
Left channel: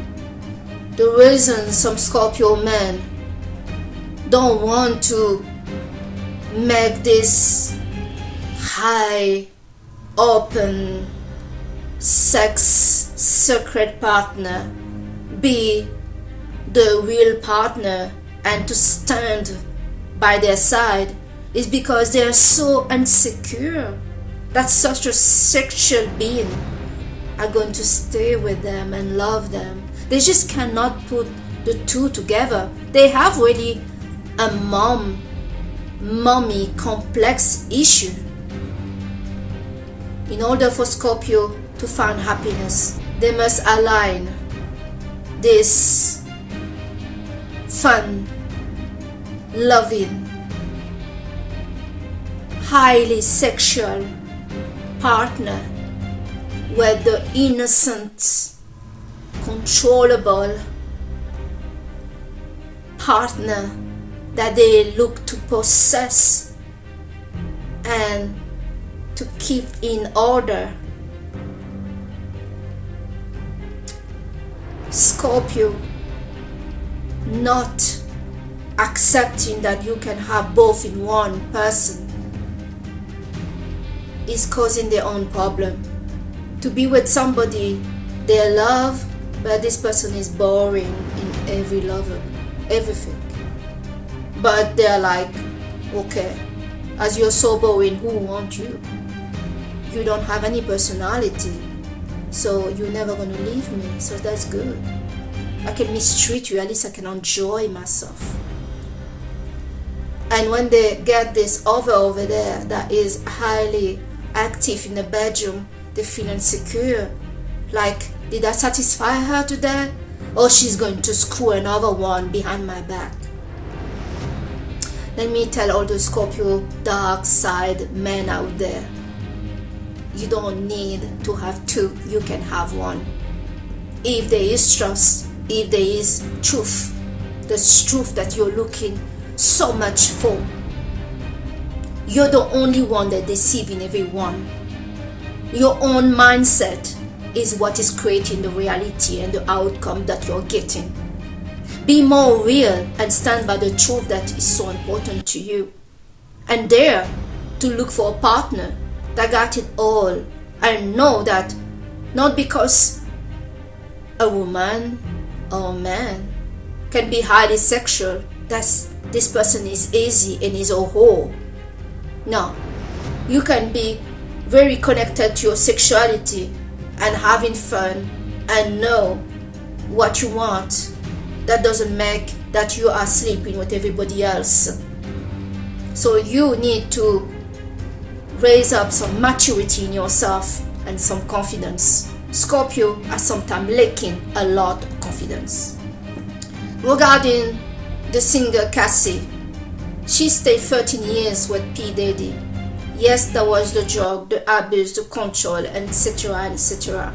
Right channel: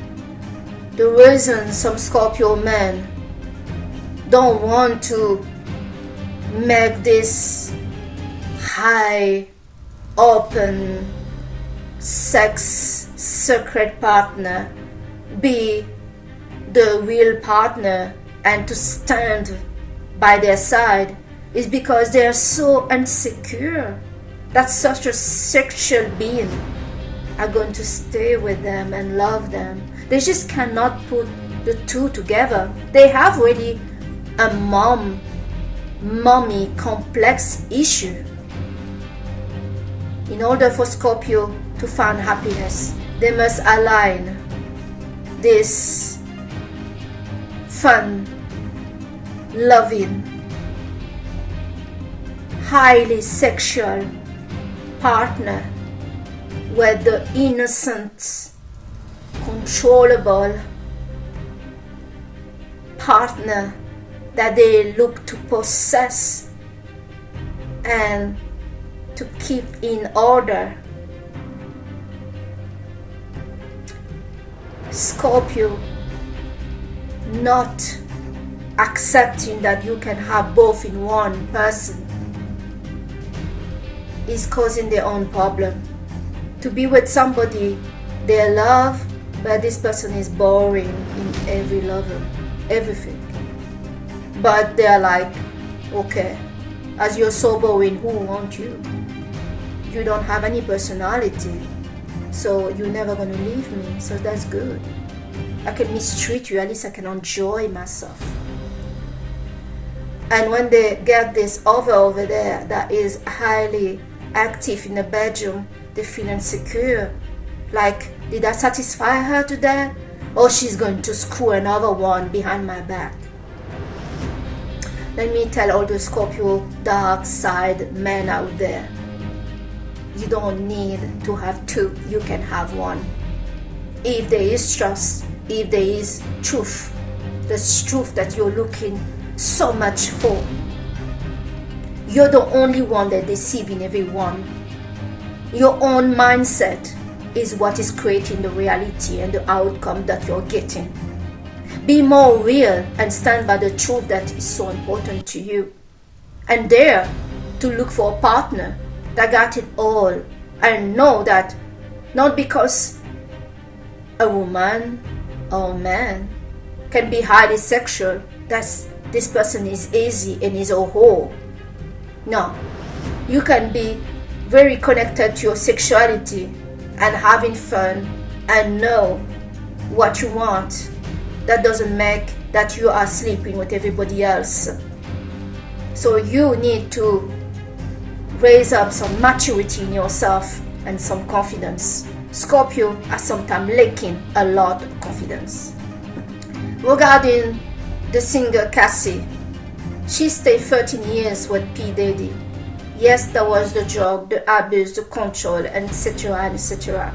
the reason some Scorpio men don't want to make this high, open, sex secret partner be the real partner and to stand by their side is because they are so insecure that such a sexual being are going to stay with them and love them. They just cannot put the two together. They have really a mommy complex issue. In order for Scorpio to find happiness, they must align this fun, loving, highly sexual partner with the innocent, controllable partner that they look to possess and to keep in order. Scorpio not accepting that you can have both in one person is causing their own problem. To be with somebody they love, but this person is boring in every level, everything. But they're like, okay, as you're so boring, who wants you? You don't have any personality, so you're never gonna leave me, so that's good. I can mistreat you, at least I can enjoy myself. And when they get this over there that is highly active in the bedroom, they feel insecure. Like, did I satisfy her today? Or she's going to screw another one behind my back. Let me tell all the Scorpio dark side men out there. You don't need to have two, you can have one. If there is trust, if there is truth, the truth that you're looking so much for, you're the only one that deceiving everyone. Your own mindset is what is creating the reality and the outcome that you're getting. Be more real and stand by the truth that is so important to you. And dare to look for a partner that got it all. And know that not because a woman or a man can be highly sexual, that this person is easy and is a whore. No. You can be very connected to your sexuality and having fun and know what you want. That doesn't make that you are sleeping with everybody else. So you need to raise up some maturity in yourself and some confidence. Scorpio are sometimes lacking a lot of confidence. Regarding the singer Cassie, she stayed 13 years with P. Diddy. Yes, there was the drug, the abuse, the control, etc., etc.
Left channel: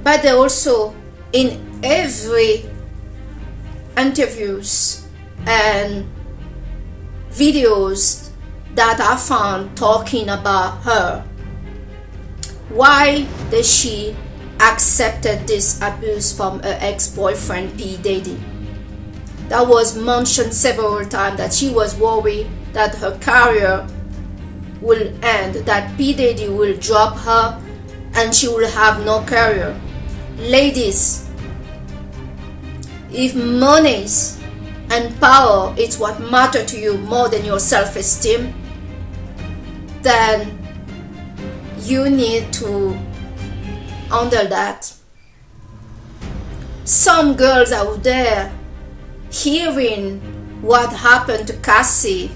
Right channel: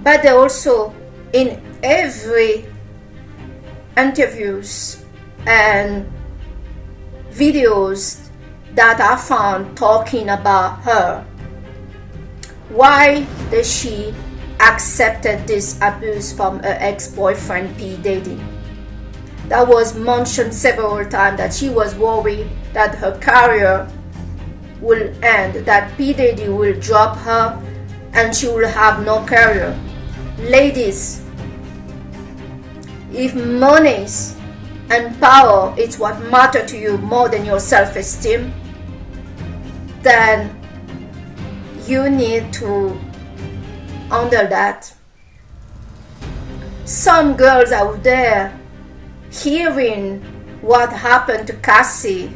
But they also, in every interviews and videos that I found talking about her, why does she accepted this abuse from her ex-boyfriend P. Diddy? That was mentioned several times that she was worried that her career will end, that P. Diddy will drop her and she will have no career. Ladies, if money and power is what matter to you more than your self-esteem, then you need to handle that. Some girls out there hearing what happened to Cassie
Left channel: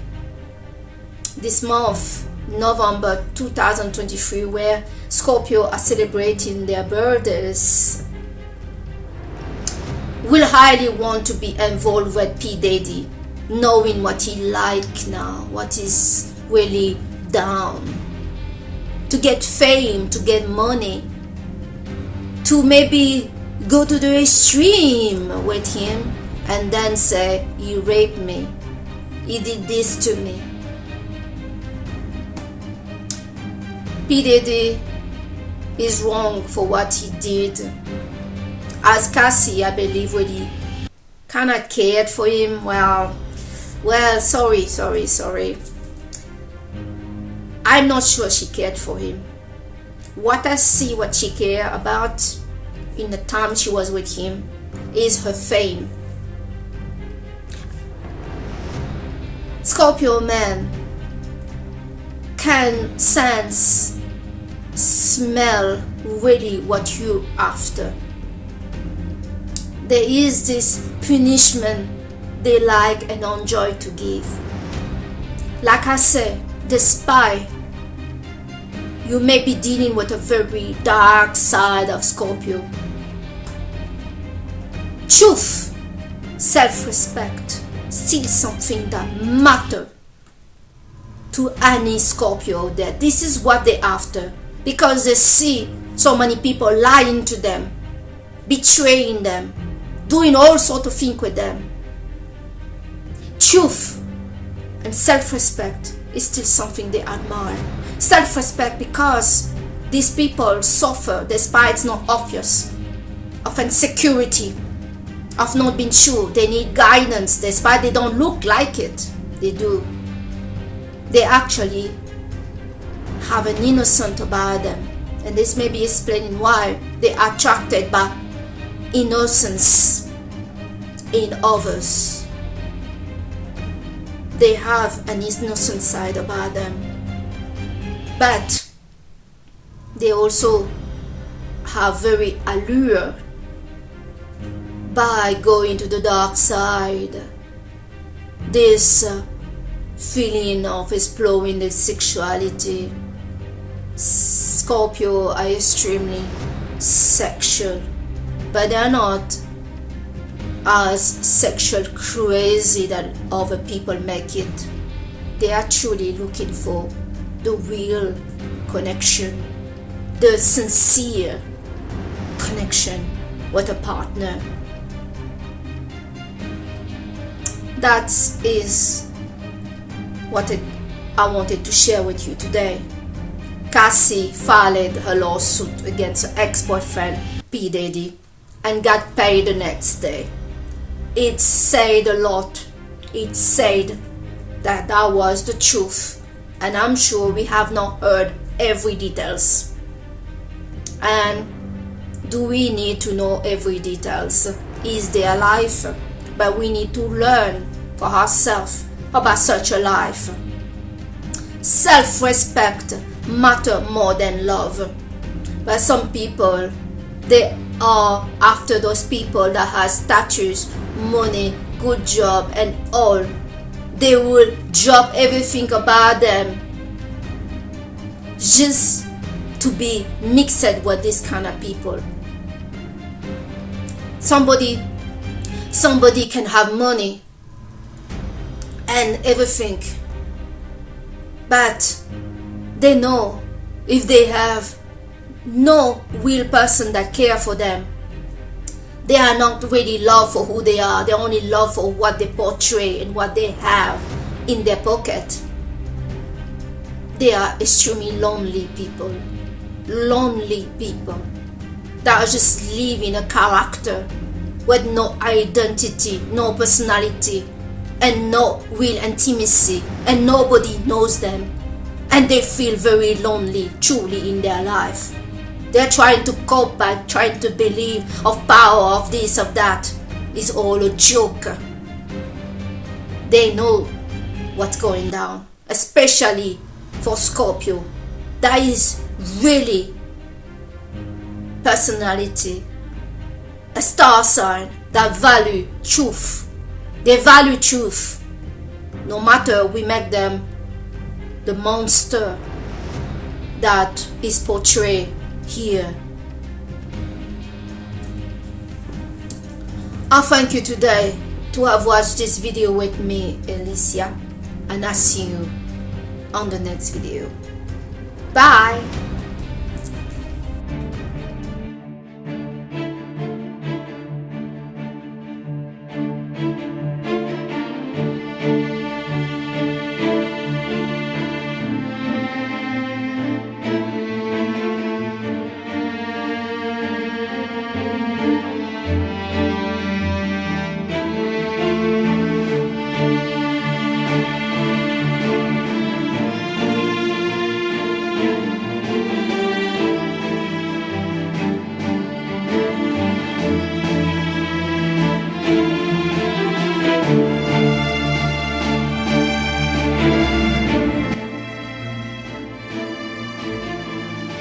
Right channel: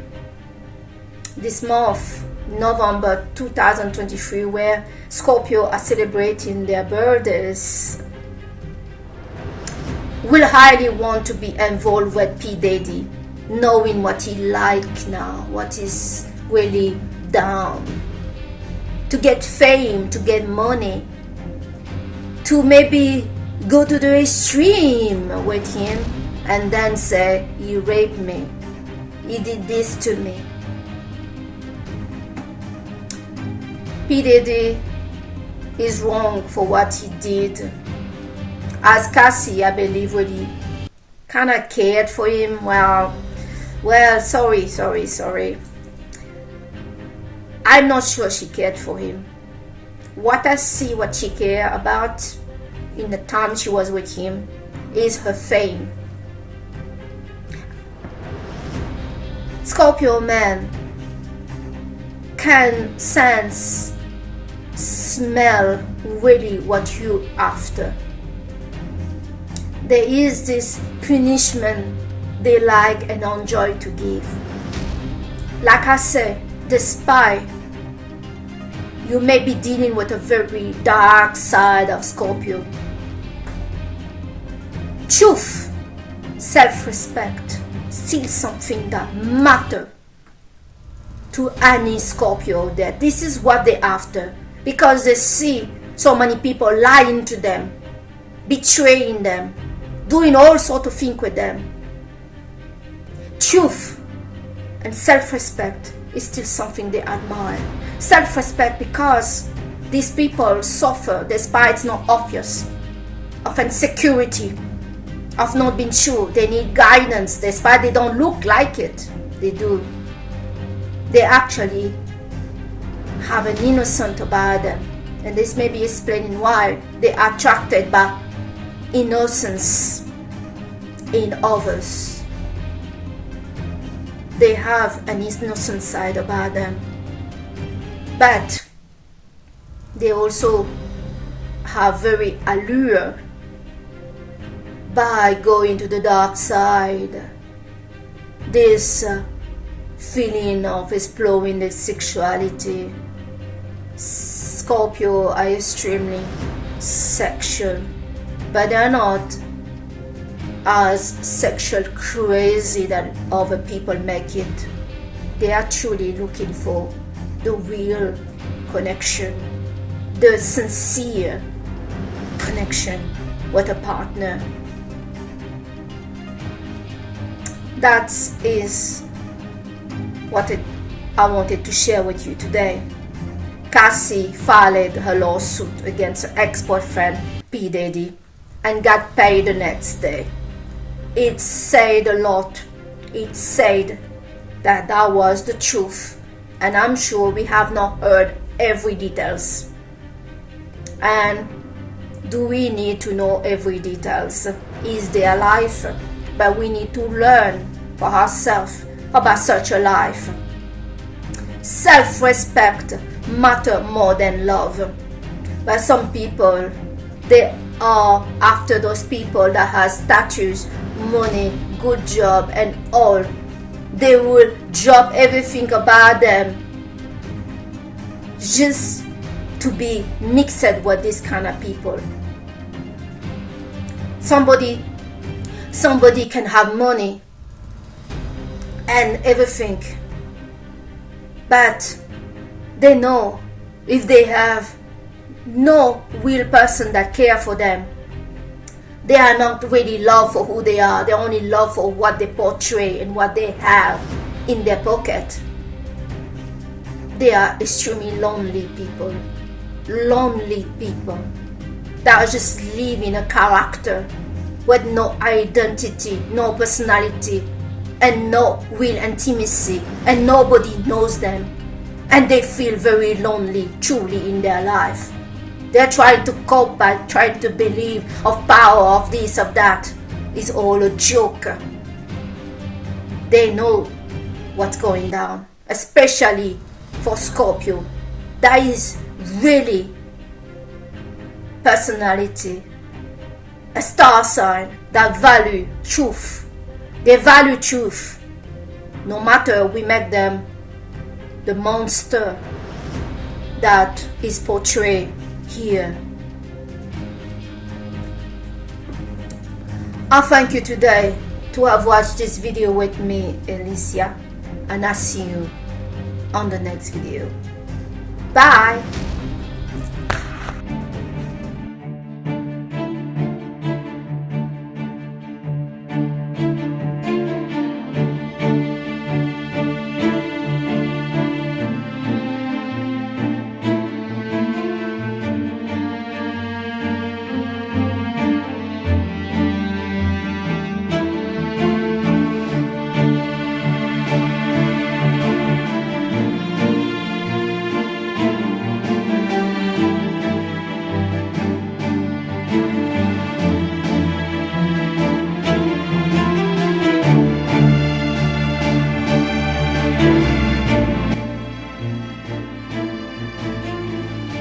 this month, November 2023, where Scorpio are celebrating their birthdays, will highly want to be involved with P. Diddy, knowing what he like now, what is really down, to get fame, to get money, to maybe go to the extreme with him and then say, he raped me, he did this to me. P. Diddy is wrong for what he did. As Cassie, I believe, really kind of cared for him. Well, sorry. I'm not sure she cared for him. What I see, what she cared about in the time she was with him is her fame. Scorpio man can sense, smell really what you after. There is this punishment they like and enjoy to give. Like I said, the spy, you may be dealing with a very dark side of Scorpio. Truth, self-respect, still something that matters to any Scorpio out there. This is what they're after, because they see so many people lying to them, betraying them, doing all sorts of things with them. Truth and self-respect is still something they admire. Self-respect because these people suffer despite it's not obvious, of insecurity, of not being sure. They need guidance despite they don't look like it. They do. They actually have an innocence about them, and this may be explaining why they are attracted by innocence in others. They have an innocent side about them, but they also have very allure by going to the dark side. This feeling of exploring the sexuality. Scorpio are extremely sexual, but they are not as sexual crazy that other people make it. They are truly looking for the real connection, the sincere connection with a partner. That is what I wanted to share with you today. Cassie filed her lawsuit against her ex-boyfriend P. Diddy and got paid the next day. It said a lot. It said that was the truth, and I'm sure we have not heard every details. And do we need to know every details? Is their life? But we need to learn for ourselves about such a life. Self-respect matters more than love. But some people, they are after those people that has status, money, good job and all. They will drop everything about them just to be mixed with this kind of people. Somebody can have money and everything, but they know if they have no real person that care for them, they are not really loved for who they are. They only love for what they portray and what they have in their pocket. They are extremely lonely people that are just living a character with no identity, no personality, and no real intimacy, and nobody knows them, and they feel very lonely truly in their life. They're trying to cope by trying to believe of power, of this, of that. It's all a joke. They know what's going down, especially for Scorpio. That is really personality, a star sign that value truth. They value truth. No matter we make them the monster that is portrayed here. I thank you today to have watched this video with me, Alicia, and I see you on the next video. Bye.